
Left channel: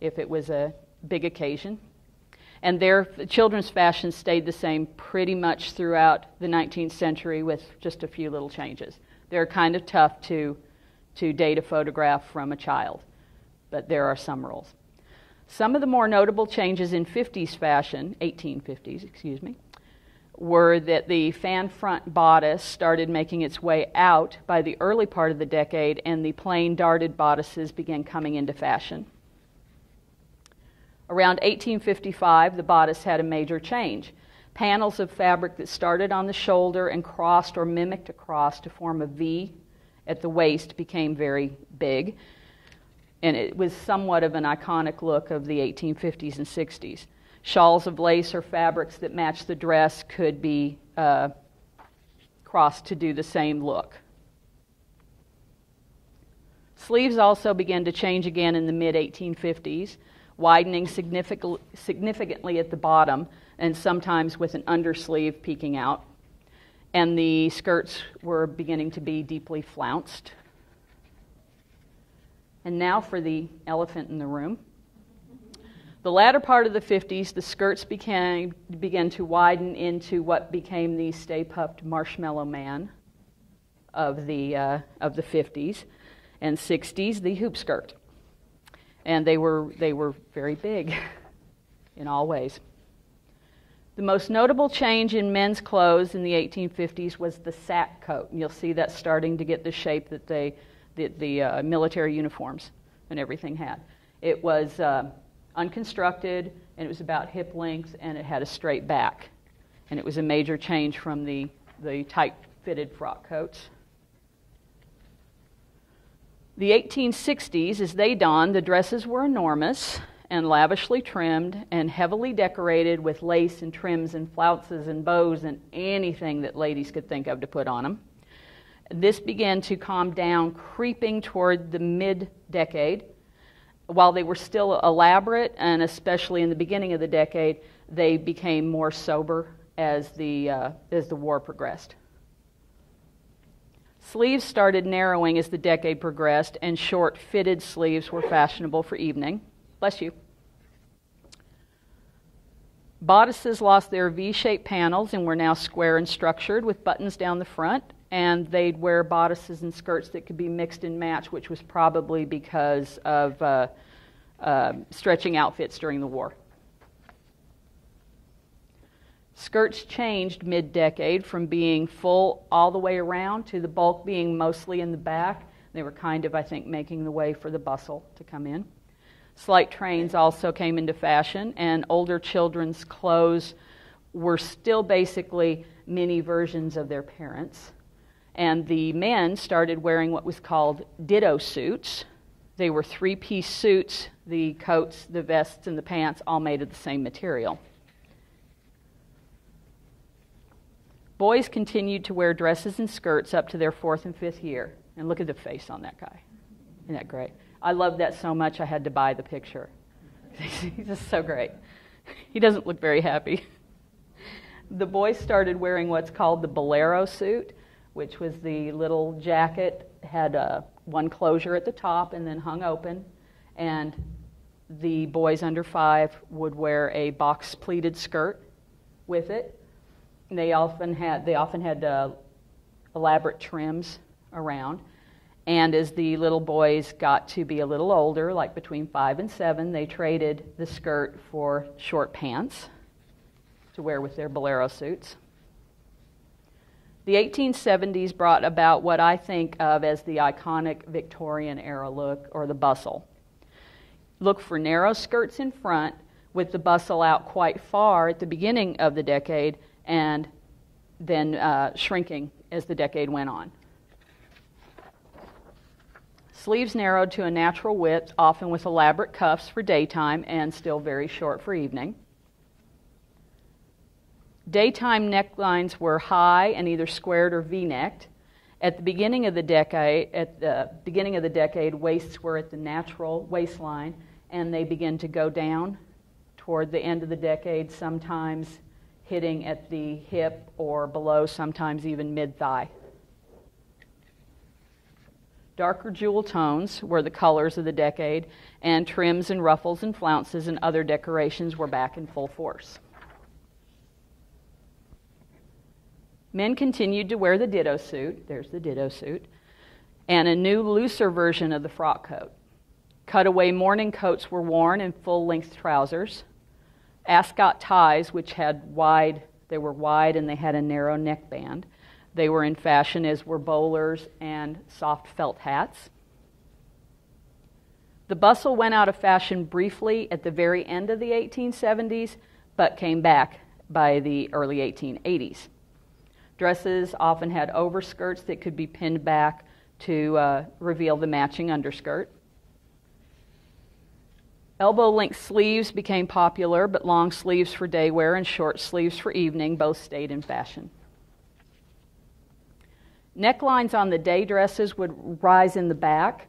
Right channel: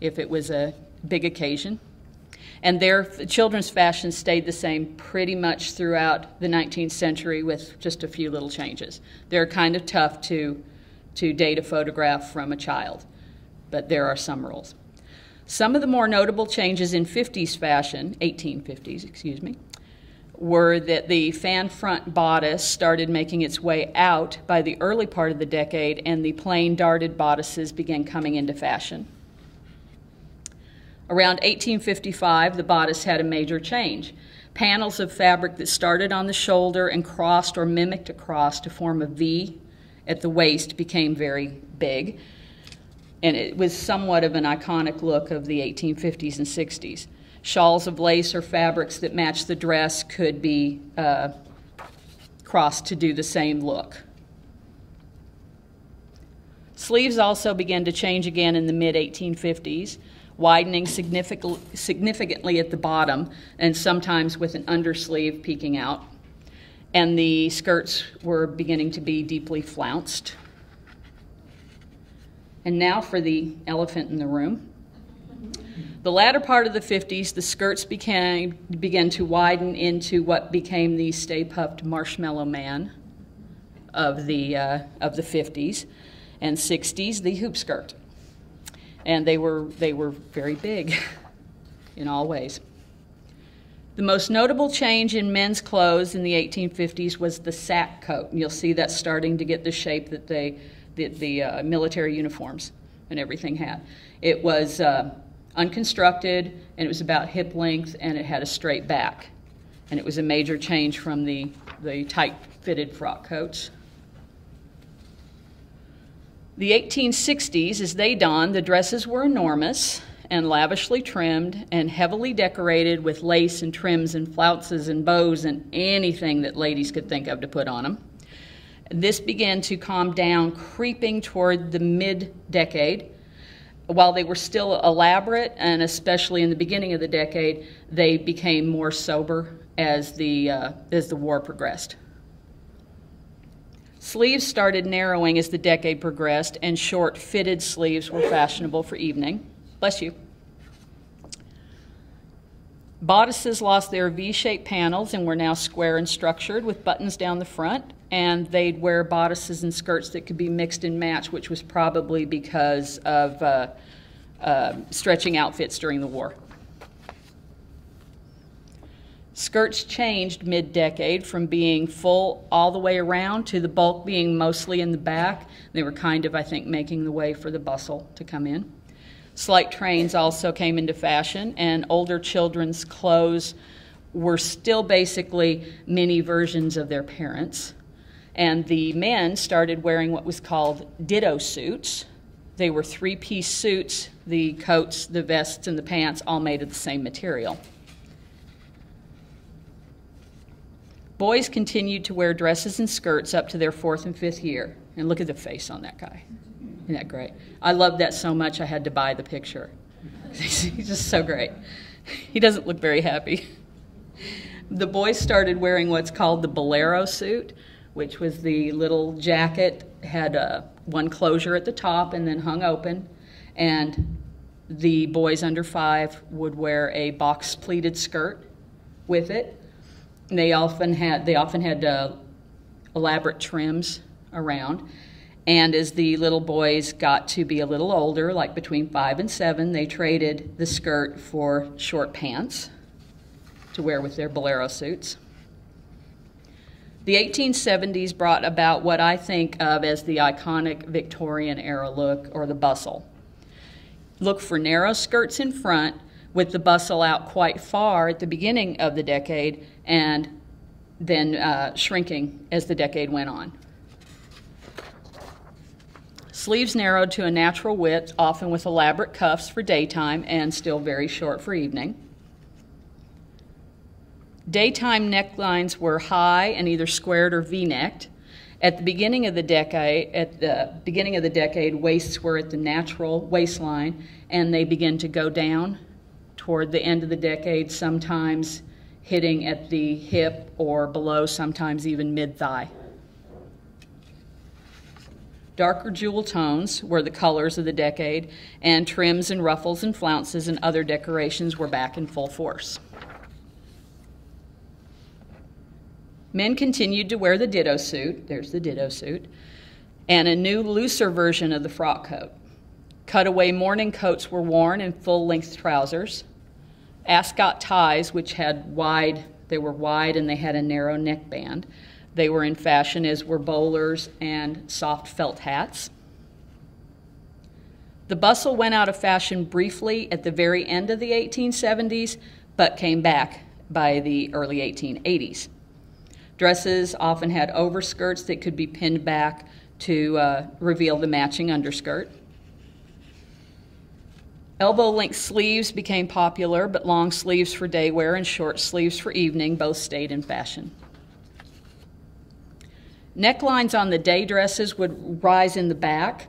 if it was a big occasion. And their children's fashion stayed the same pretty much throughout the 19th century with just a few little changes. They're kind of tough to date a photograph from a child, but there are some rules. Some of the more notable changes in 50s fashion, 1850s, excuse me, were that the fan front bodice started making its way out by the early part of the decade, and the plain darted bodices began coming into fashion. Around 1855, the bodice had a major change. Panels of fabric that started on the shoulder and crossed or mimicked a cross to form a V at the waist became very big, and it was somewhat of an iconic look of the 1850s and 60s. Shawls of lace or fabrics that matched the dress could be crossed to do the same look. Sleeves also began to change again in the mid-1850s, widening significantly at the bottom and sometimes with an undersleeve peeking out. And the skirts were beginning to be deeply flounced. And now for the elephant in the room. The latter part of the 50s, the skirts began to widen into what became the stay-puffed marshmallow man of the 50s, and 60s, the hoop skirt. And they were very big in all ways. The most notable change in men's clothes in the 1850s was the sack coat. And you'll see that starting to get the shape that the military uniforms and everything had. It was unconstructed, and it was about hip length, and it had a straight back. And it was a major change from the tight-fitted frock coats. The 1860s, as they dawned, the dresses were enormous and lavishly trimmed and heavily decorated with lace and trims and flounces and bows and anything that ladies could think of to put on them. This began to calm down, creeping toward the mid-decade. While they were still elaborate, and especially in the beginning of the decade, they became more sober as the war progressed. Sleeves started narrowing as the decade progressed, and short fitted sleeves were fashionable for evening. Bless you. Bodices lost their V-shaped panels and were now square and structured with buttons down the front, and they'd wear bodices and skirts that could be mixed and matched, which was probably because of stretching outfits during the war. Skirts changed mid-decade from being full all the way around to the bulk being mostly in the back. They were kind of, I think, making the way for the bustle to come in. Slight trains also came into fashion, and older children's clothes were still basically mini versions of their parents. And the men started wearing what was called ditto suits. They were three-piece suits, the coats, the vests, and the pants, all made of the same material. Boys continued to wear dresses and skirts up to their 4th and 5th year. And look at the face on that guy. Isn't that great? I love that so much I had to buy the picture. He's just so great. He doesn't look very happy. The boys started wearing what's called the bolero suit, which was the little jacket, had one closure at the top and then hung open. And the boys under 5 would wear a box pleated skirt with it. And they often had elaborate trims around. And as the little boys got to be a little older, like between 5 and 7, they traded the skirt for short pants to wear with their bolero suits. The 1870s brought about what I think of as the iconic Victorian era look, or the bustle. Look for narrow skirts in front with the bustle out quite far at the beginning of the decade and then shrinking as the decade went on. Sleeves narrowed to a natural width, often with elaborate cuffs for daytime and still very short for evening. Daytime necklines were high and either squared or V-necked. At the beginning of the decade, waists were at the natural waistline, and they begin to go down toward the end of the decade, sometimes hitting at the hip or below, sometimes even mid-thigh. Darker jewel tones were the colors of the decade, and trims and ruffles and flounces and other decorations were back in full force. Men continued to wear the ditto suit, there's the ditto suit, and a new looser version of the frock coat. Cutaway morning coats were worn and full-length trousers. Ascot ties, which they were wide and they had a narrow neckband. They were in fashion, as were bowlers and soft felt hats. The bustle went out of fashion briefly at the very end of the 1870s, but came back by the early 1880s. Dresses often had overskirts that could be pinned back to reveal the matching underskirt. Elbow-length sleeves became popular, but long sleeves for day wear and short sleeves for evening both stayed in fashion. Necklines on the day dresses would rise in the back,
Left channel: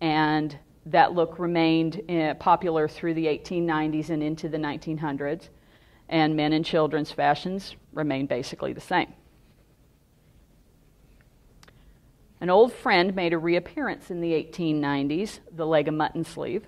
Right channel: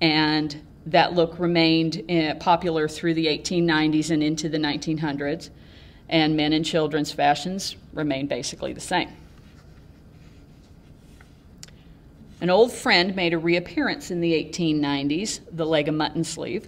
and that look remained popular through the 1890s and into the 1900s, and men and children's fashions remained basically the same. An old friend made a reappearance in the 1890s, the leg of mutton sleeve.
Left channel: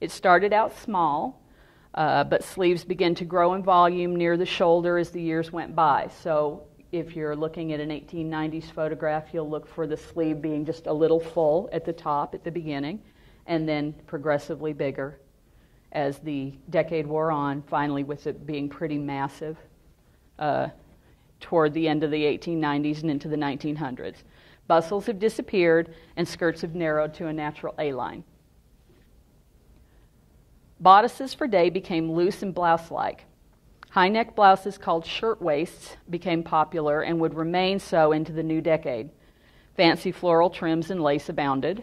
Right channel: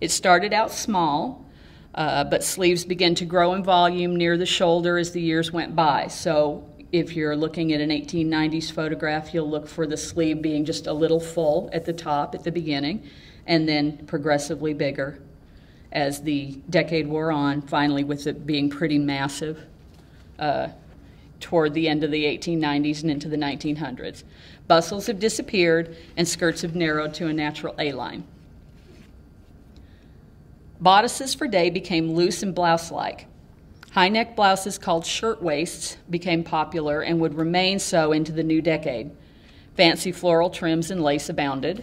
It started out small, but sleeves began to grow in volume near the shoulder as the years went by. So if you're looking at an 1890s photograph, you'll look for the sleeve being just a little full at the top at the beginning, and then progressively bigger as the decade wore on, finally with it being pretty massive toward the end of the 1890s and into the 1900s. Bustles have disappeared, and skirts have narrowed to a natural A-line. Bodices for day became loose and blouse-like. High-neck blouses called shirtwaists became popular and would remain so into the new decade. Fancy floral trims and lace abounded.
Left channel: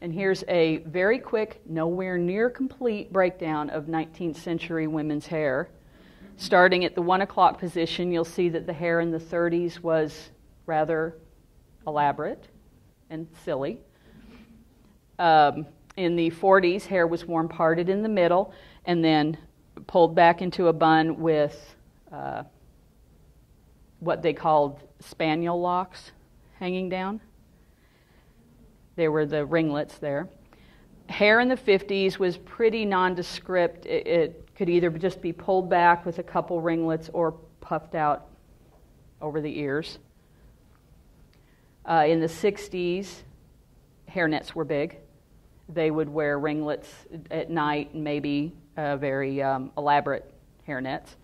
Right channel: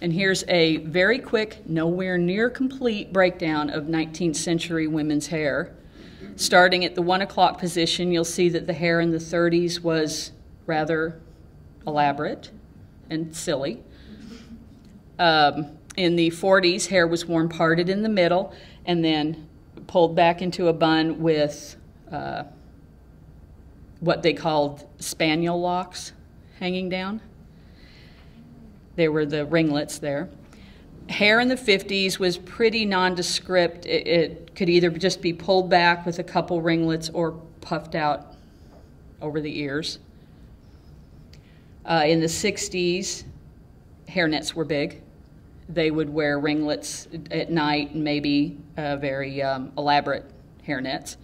And here's a very quick, nowhere near complete breakdown of 19th century women's hair. Starting at the 1 o'clock position, you'll see that the hair in the 30s was rather elaborate and silly. In the 40s, hair was worn parted in the middle and then pulled back into a bun with what they called spaniel locks hanging down. They were the ringlets there. Hair in the 50s was pretty nondescript. It could either just be pulled back with a couple ringlets or puffed out over the ears. In the 60s, hairnets were big. They would wear ringlets at night and maybe very elaborate hairnets.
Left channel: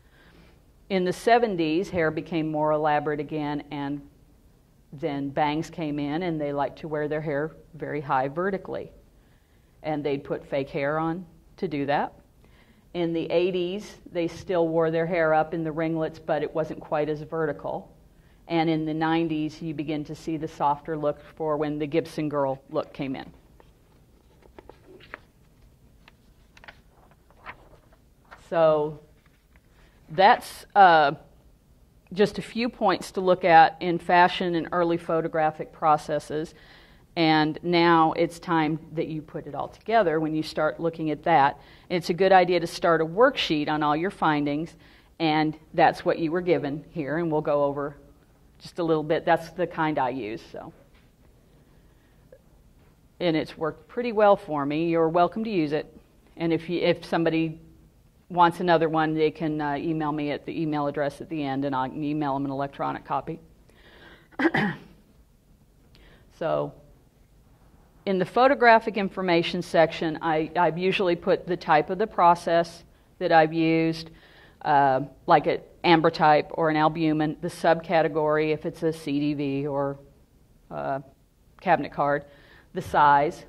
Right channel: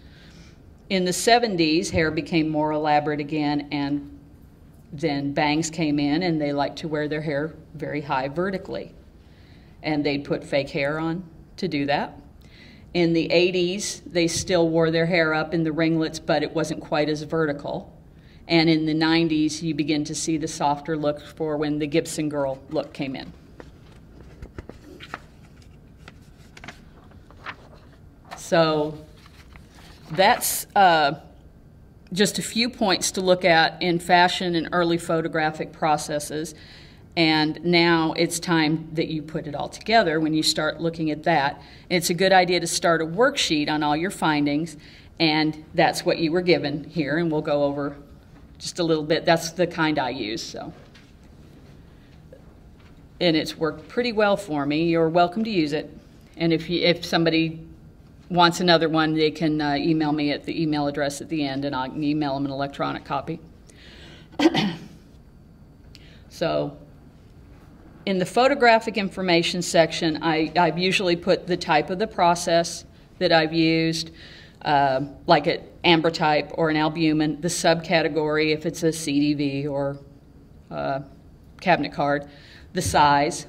In the 70s, hair became more elaborate again, and then bangs came in, and they liked to wear their hair very high vertically. And they'd put fake hair on to do that. In the 80s, they still wore their hair up in the ringlets, but it wasn't quite as vertical. And in the 90s, you begin to see the softer look for when the Gibson girl look came in. So that's just a few points to look at in fashion and early photographic processes. And now it's time that you put it all together when you start looking at that. It's a good idea to start a worksheet on all your findings, and that's what you were given here, and we'll go over just a little bit. That's the kind I use, so. And it's worked pretty well for me. You're welcome to use it. And if somebody wants another one, they can email me at the email address at the end, and I'll email them an electronic copy. So in the photographic information section, I've usually put the type of the process that I've used, like an ambrotype or an albumin, the subcategory if it's a CDV or cabinet card, the size,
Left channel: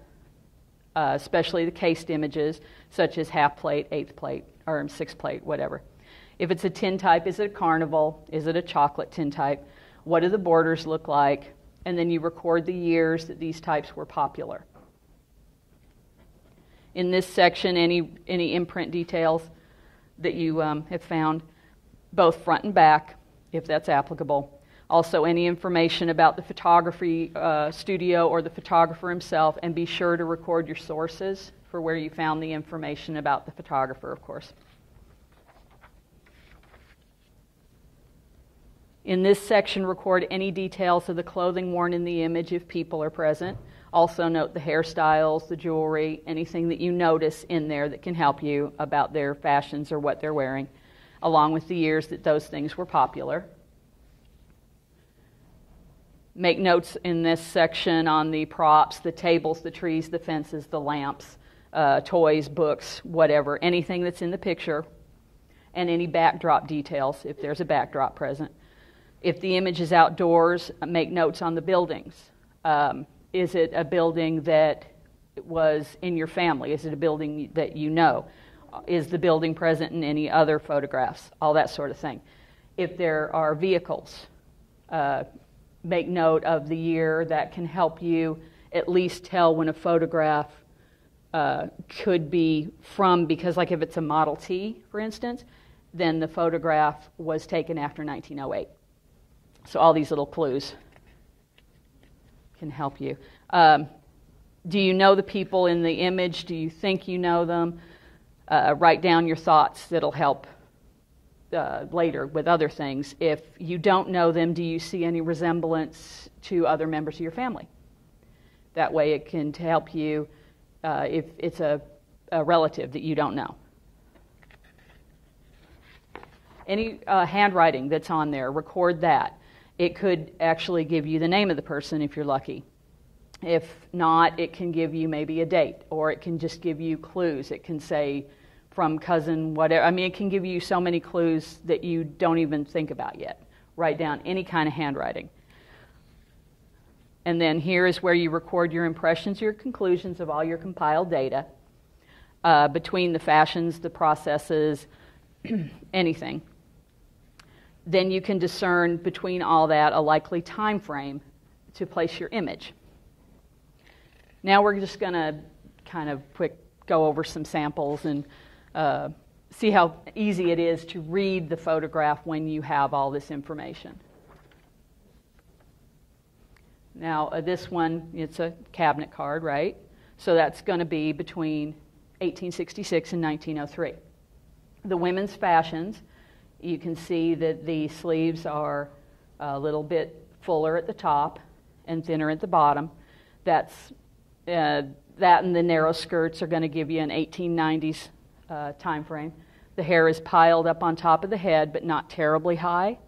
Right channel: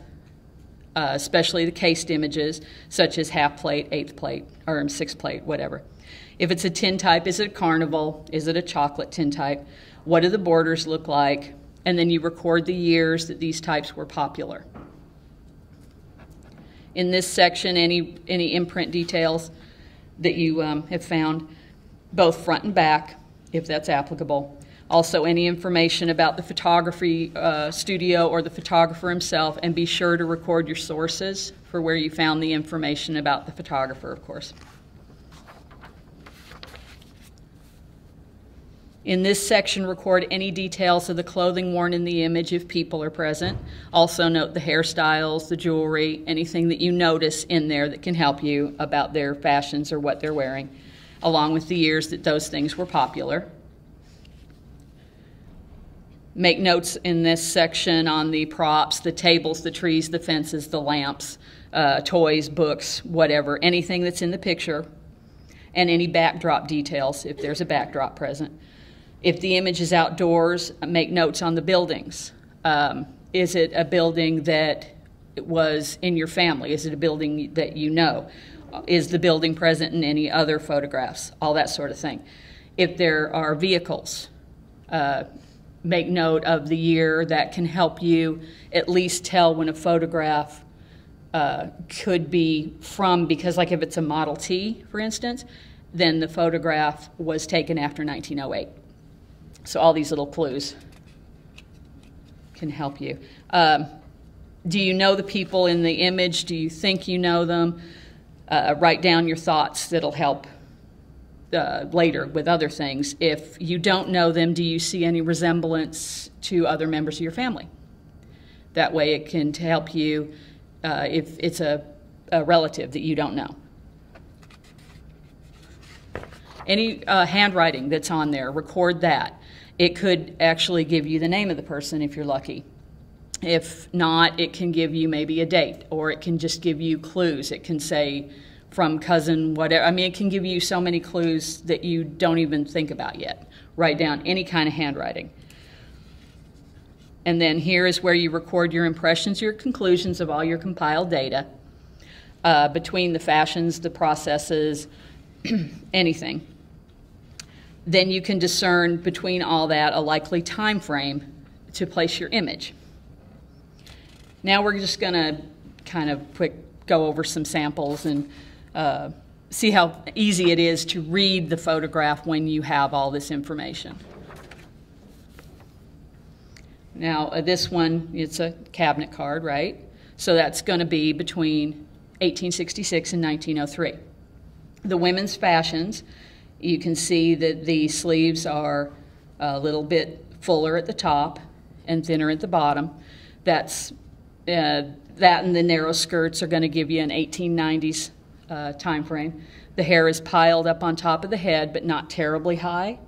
especially the cased images, such as half plate, eighth plate, or sixth plate, whatever. If it's a tin type, is it a carnival? Is it a chocolate tin type? What do the borders look like? And then you record the years that these types were popular. In this section, any imprint details that you have found, both front and back, if that's applicable. Also, any information about the photography studio or the photographer himself, and be sure to record your sources for where you found the information about the photographer, of course. In this section, record any details of the clothing worn in the image if people are present. Also note the hairstyles, the jewelry, anything that you notice in there that can help you about their fashions or what they're wearing, along with the years that those things were popular. Make notes in this section on the props, the tables, the trees, the fences, the lamps, toys, books, whatever, anything that's in the picture, and any backdrop details if there's a backdrop present. If the image is outdoors, make notes on the buildings. Is it a building that was in your family? Is it a building that you know? Is the building present in any other photographs? All that sort of thing. If there are vehicles, make note of the year. That can help you at least tell when a photograph could be from, because like if it's a Model T, for instance, then the photograph was taken after 1908. So all these little clues can help you. Do you know the people in the image? Do you think you know them? Write down your thoughts. That'll help later with other things. If you don't know them, do you see any resemblance to other members of your family? That way it can help you if it's a relative that you don't know. Any handwriting that's on there, record that. It could actually give you the name of the person if you're lucky. If not, it can give you maybe a date, or it can just give you clues. It can say from cousin whatever. I mean, it can give you so many clues that you don't even think about yet. Write down any kind of handwriting. And then here is where you record your impressions, your conclusions of all your compiled data between the fashions, the processes, anything. Then you can discern between all that a likely time frame to place your image. Now we're just going to kind of go over some samples and see how easy it is to read the photograph when you have all this information. Now this one, it's a cabinet card, right? So that's going to be between 1866 and 1903. The women's fashions, you can see that the sleeves are a little bit fuller at the top and thinner at the bottom. That and the narrow skirts are going to give you an 1890s time frame. The hair is piled up on top of the head, but not terribly high.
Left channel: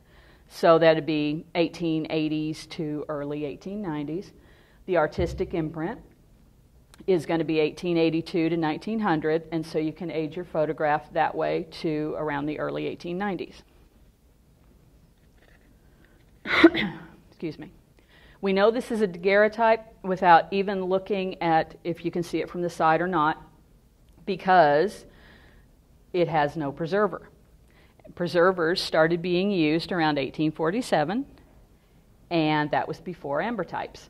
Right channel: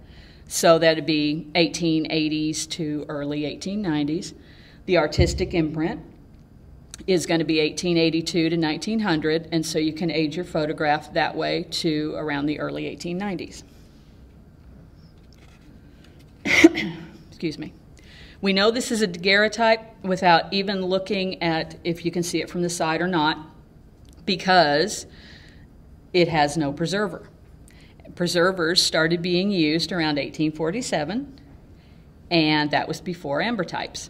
So that'd be 1880s to early 1890s. The artistic imprint is going to be 1882 to 1900, and so you can age your photograph that way to around the early 1890s. Excuse me. We know this is a daguerreotype without even looking at if you can see it from the side or not, because it has no preserver. Preservers started being used around 1847, and that was before ambrotypes.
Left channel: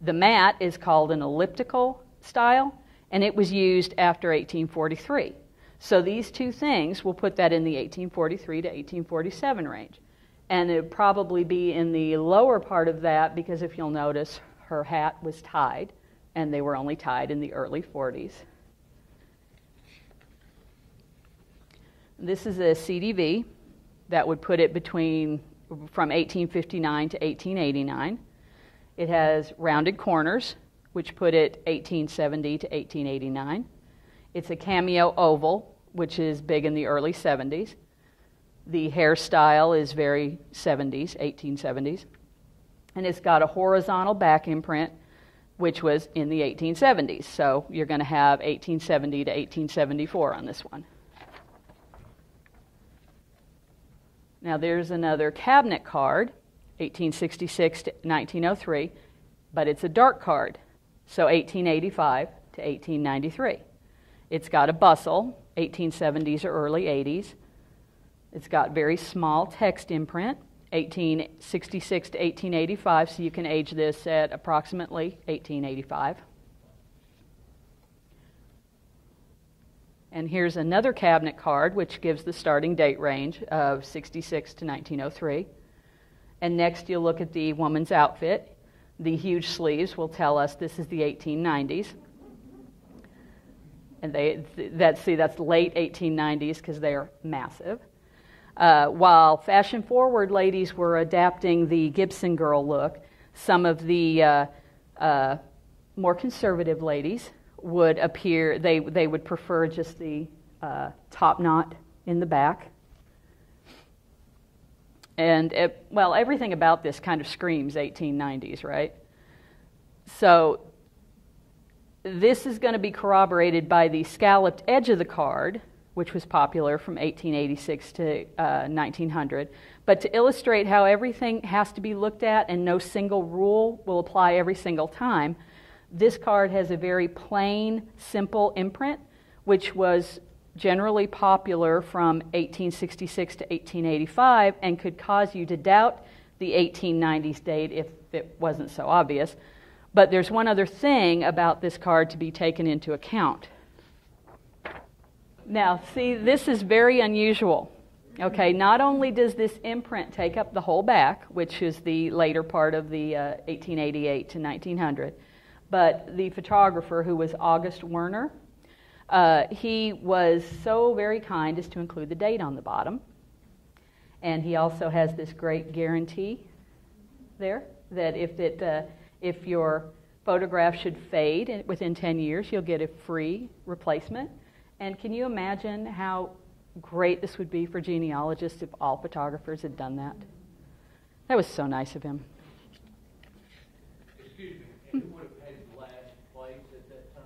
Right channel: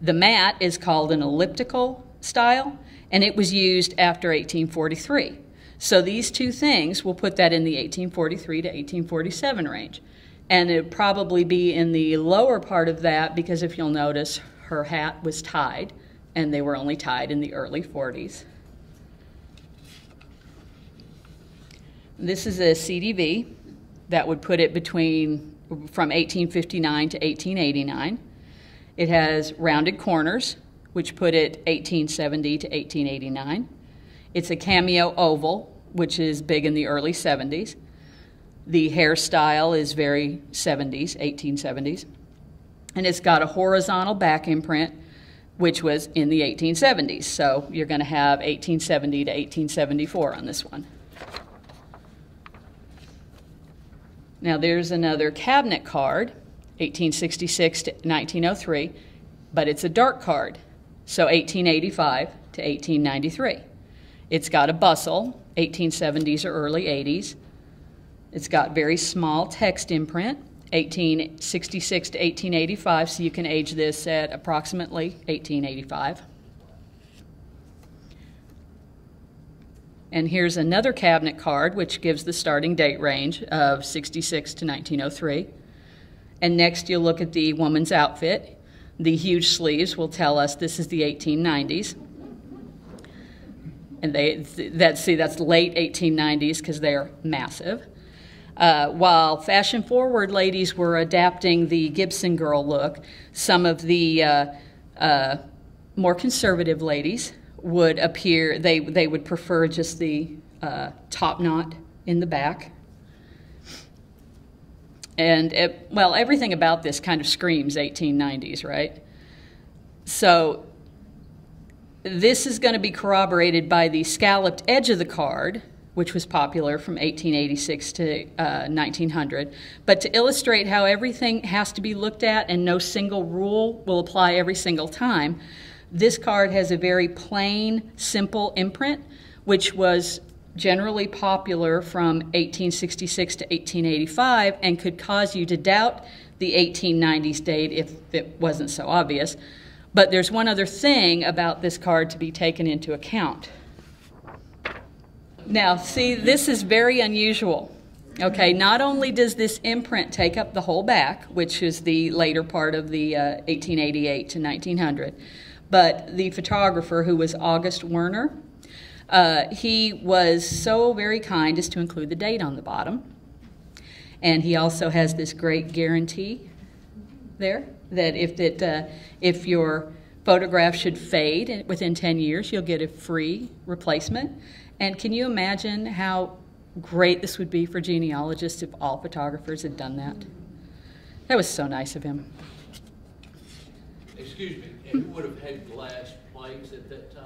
The mat is called an elliptical style, and it was used after 1843. So these two things, we'll put that in the 1843 to 1847 range. And it would probably be in the lower part of that, because if you'll notice, her hat was tied, and they were only tied in the early 40s. This is a CDV that would put it from 1859 to 1889. It has rounded corners, which put it 1870 to 1889. It's a cameo oval, which is big in the early 70s. The hairstyle is very 70s, 1870s. And it's got a horizontal back imprint, which was in the 1870s. So you're going to have 1870 to 1874 on this one. Now there's another cabinet card, 1866 to 1903, but it's a dark card, so 1885 to 1893. It's got a bustle, 1870s or early 80s. It's got very small text imprint, 1866 to 1885, so you can age this at approximately 1885. And here's another cabinet card, which gives the starting date range of 66 to 1903. And next you'll look at the woman's outfit. The huge sleeves will tell us this is the 1890s. And that's late 1890s because they're massive. While fashion-forward ladies were adapting the Gibson girl look, some of the more conservative ladies would appear, they would prefer just the top knot in the back. And, well, everything about this kind of screams 1890s, right? So this is going to be corroborated by the scalloped edge of the card, which was popular from 1886 to 1900. But to illustrate how everything has to be looked at and no single rule will apply every single time, this card has a very plain, simple imprint, which was generally popular from 1866 to 1885 and could cause you to doubt the 1890s date if it wasn't so obvious. But there's one other thing about this card to be taken into account. Now, see, this is very unusual. Okay, not only does this imprint take up the whole back, which is the later part of the 1888 to 1900, but the photographer, who was August Werner, he was so very kind as to include the date on the bottom. And he also has this great guarantee there that if your photograph should fade within 10 years, you'll get a free replacement. And can you imagine how great this would be for genealogists if all photographers had done that? That was so nice of him. Excuse me, and he would have had glass plates at that time?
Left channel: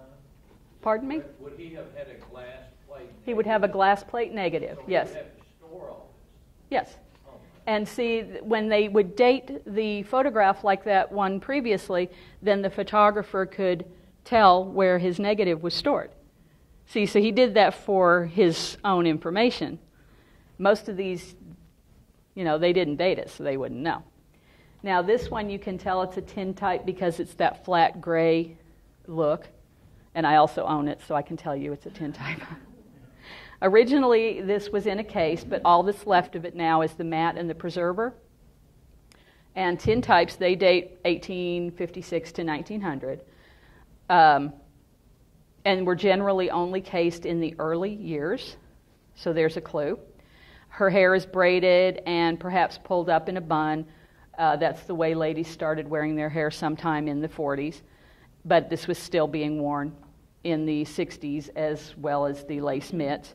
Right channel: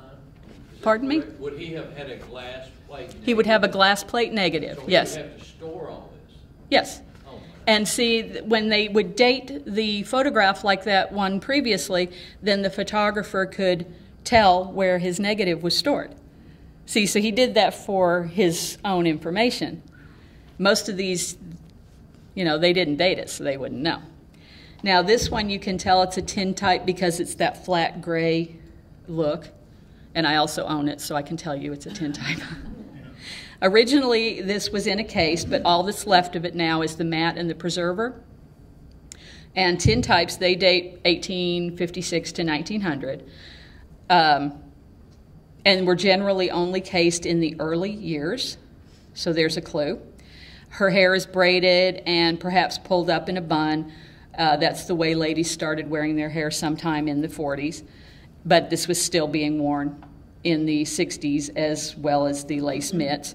Pardon me? Would he have had a glass plate negative? He would have a glass plate negative, so yes. He would have to store all this? Yes. Oh, and see, when they would date the photograph like that one previously, then the photographer could tell where his negative was stored. See, so he did that for his own information. Most of these, you know, they didn't date it, so they wouldn't know. Now, this one you can tell it's a tintype because it's that flat gray look. And I also own it, so I can tell you it's a tintype. Originally, this was in a case, but all that's left of it now is the mat and the preserver. And tintypes, they date 1856 to 1900. And were generally only cased in the early years, so there's a clue. Her hair is braided and perhaps pulled up in a bun. That's the way ladies started wearing their hair sometime in the 40s, but this was still being worn in the 60s as well as the lace mitts.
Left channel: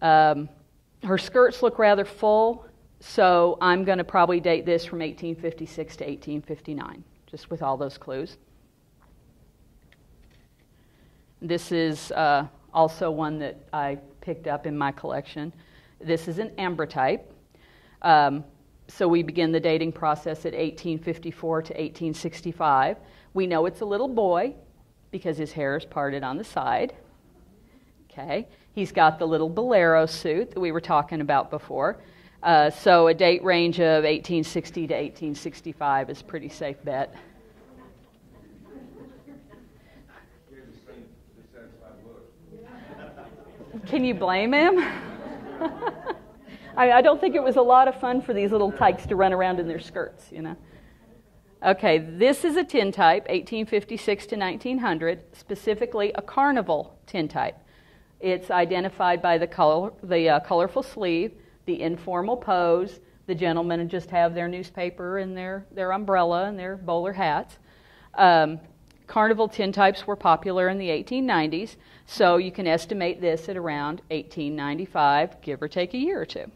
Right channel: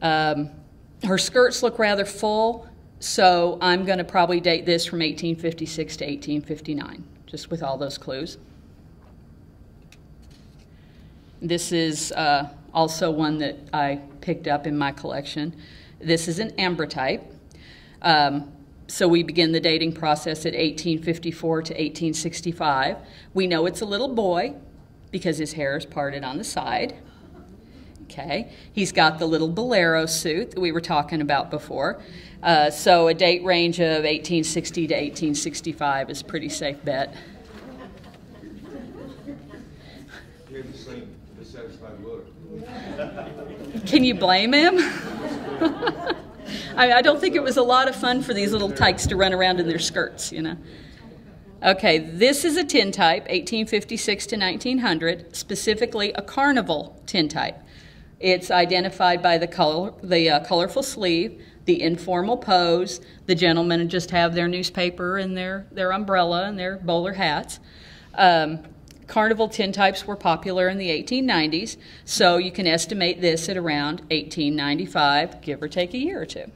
Her skirts look rather full, so I'm going to probably date this from 1856 to 1859, just with all those clues. This is also one that I picked up in my collection. This is an ambrotype. So we begin the dating process at 1854 to 1865. We know it's a little boy because his hair is parted on the side. Okay, he's got the little bolero suit that we were talking about before. So a date range of 1860 to 1865 is a pretty safe bet. Can you blame him? I don't think it was a lot of fun for these little tykes to run around in their skirts, you know. Okay, this is a tintype, 1856 to 1900, specifically a carnival tintype. It's identified by the colorful sleeve, the informal pose. The gentlemen just have their newspaper and their umbrella and their bowler hats. Carnival tintypes were popular in the 1890s, so you can estimate this at around 1895, give or take a year or two.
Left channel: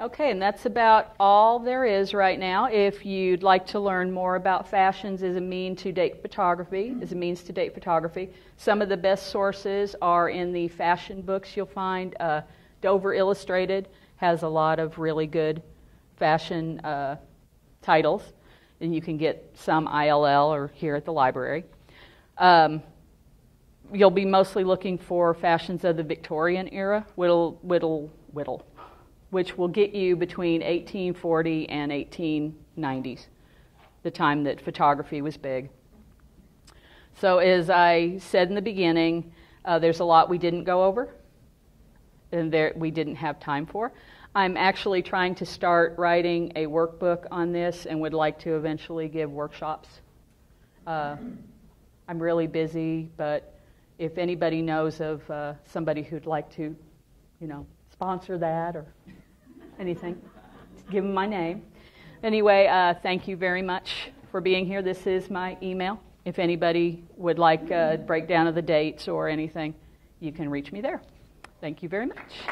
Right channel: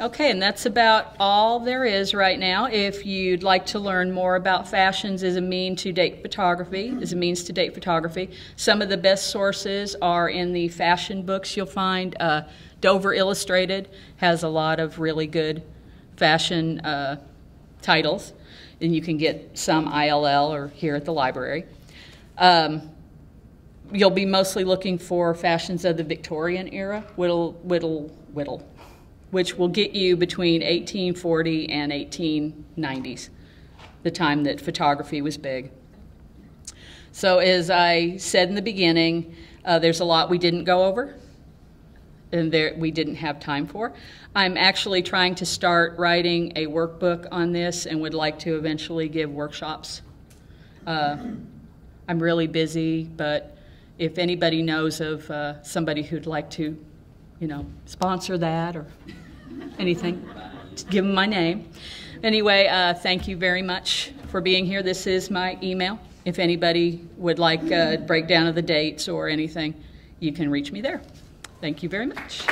Okay, and that's about all there is right now. If you'd like to learn more about fashions as a means to date photography, some of the best sources are in the fashion books you'll find. Dover Illustrated has a lot of really good fashion titles, and you can get some ILL or here at the library. You'll be mostly looking for fashions of the Victorian era, whittle, which will get you between 1840 and 1890s, the time that photography was big. So as I said in the beginning, there's a lot we didn't go over and we didn't have time for. I'm actually trying to start writing a workbook on this and would like to eventually give workshops. I'm really busy, but if anybody knows of somebody who'd like to, sponsor that or anything, just give them my name. Anyway, thank you very much for being here. This is my email. If anybody would like a breakdown of the dates or anything, you can reach me there. Thank you very much.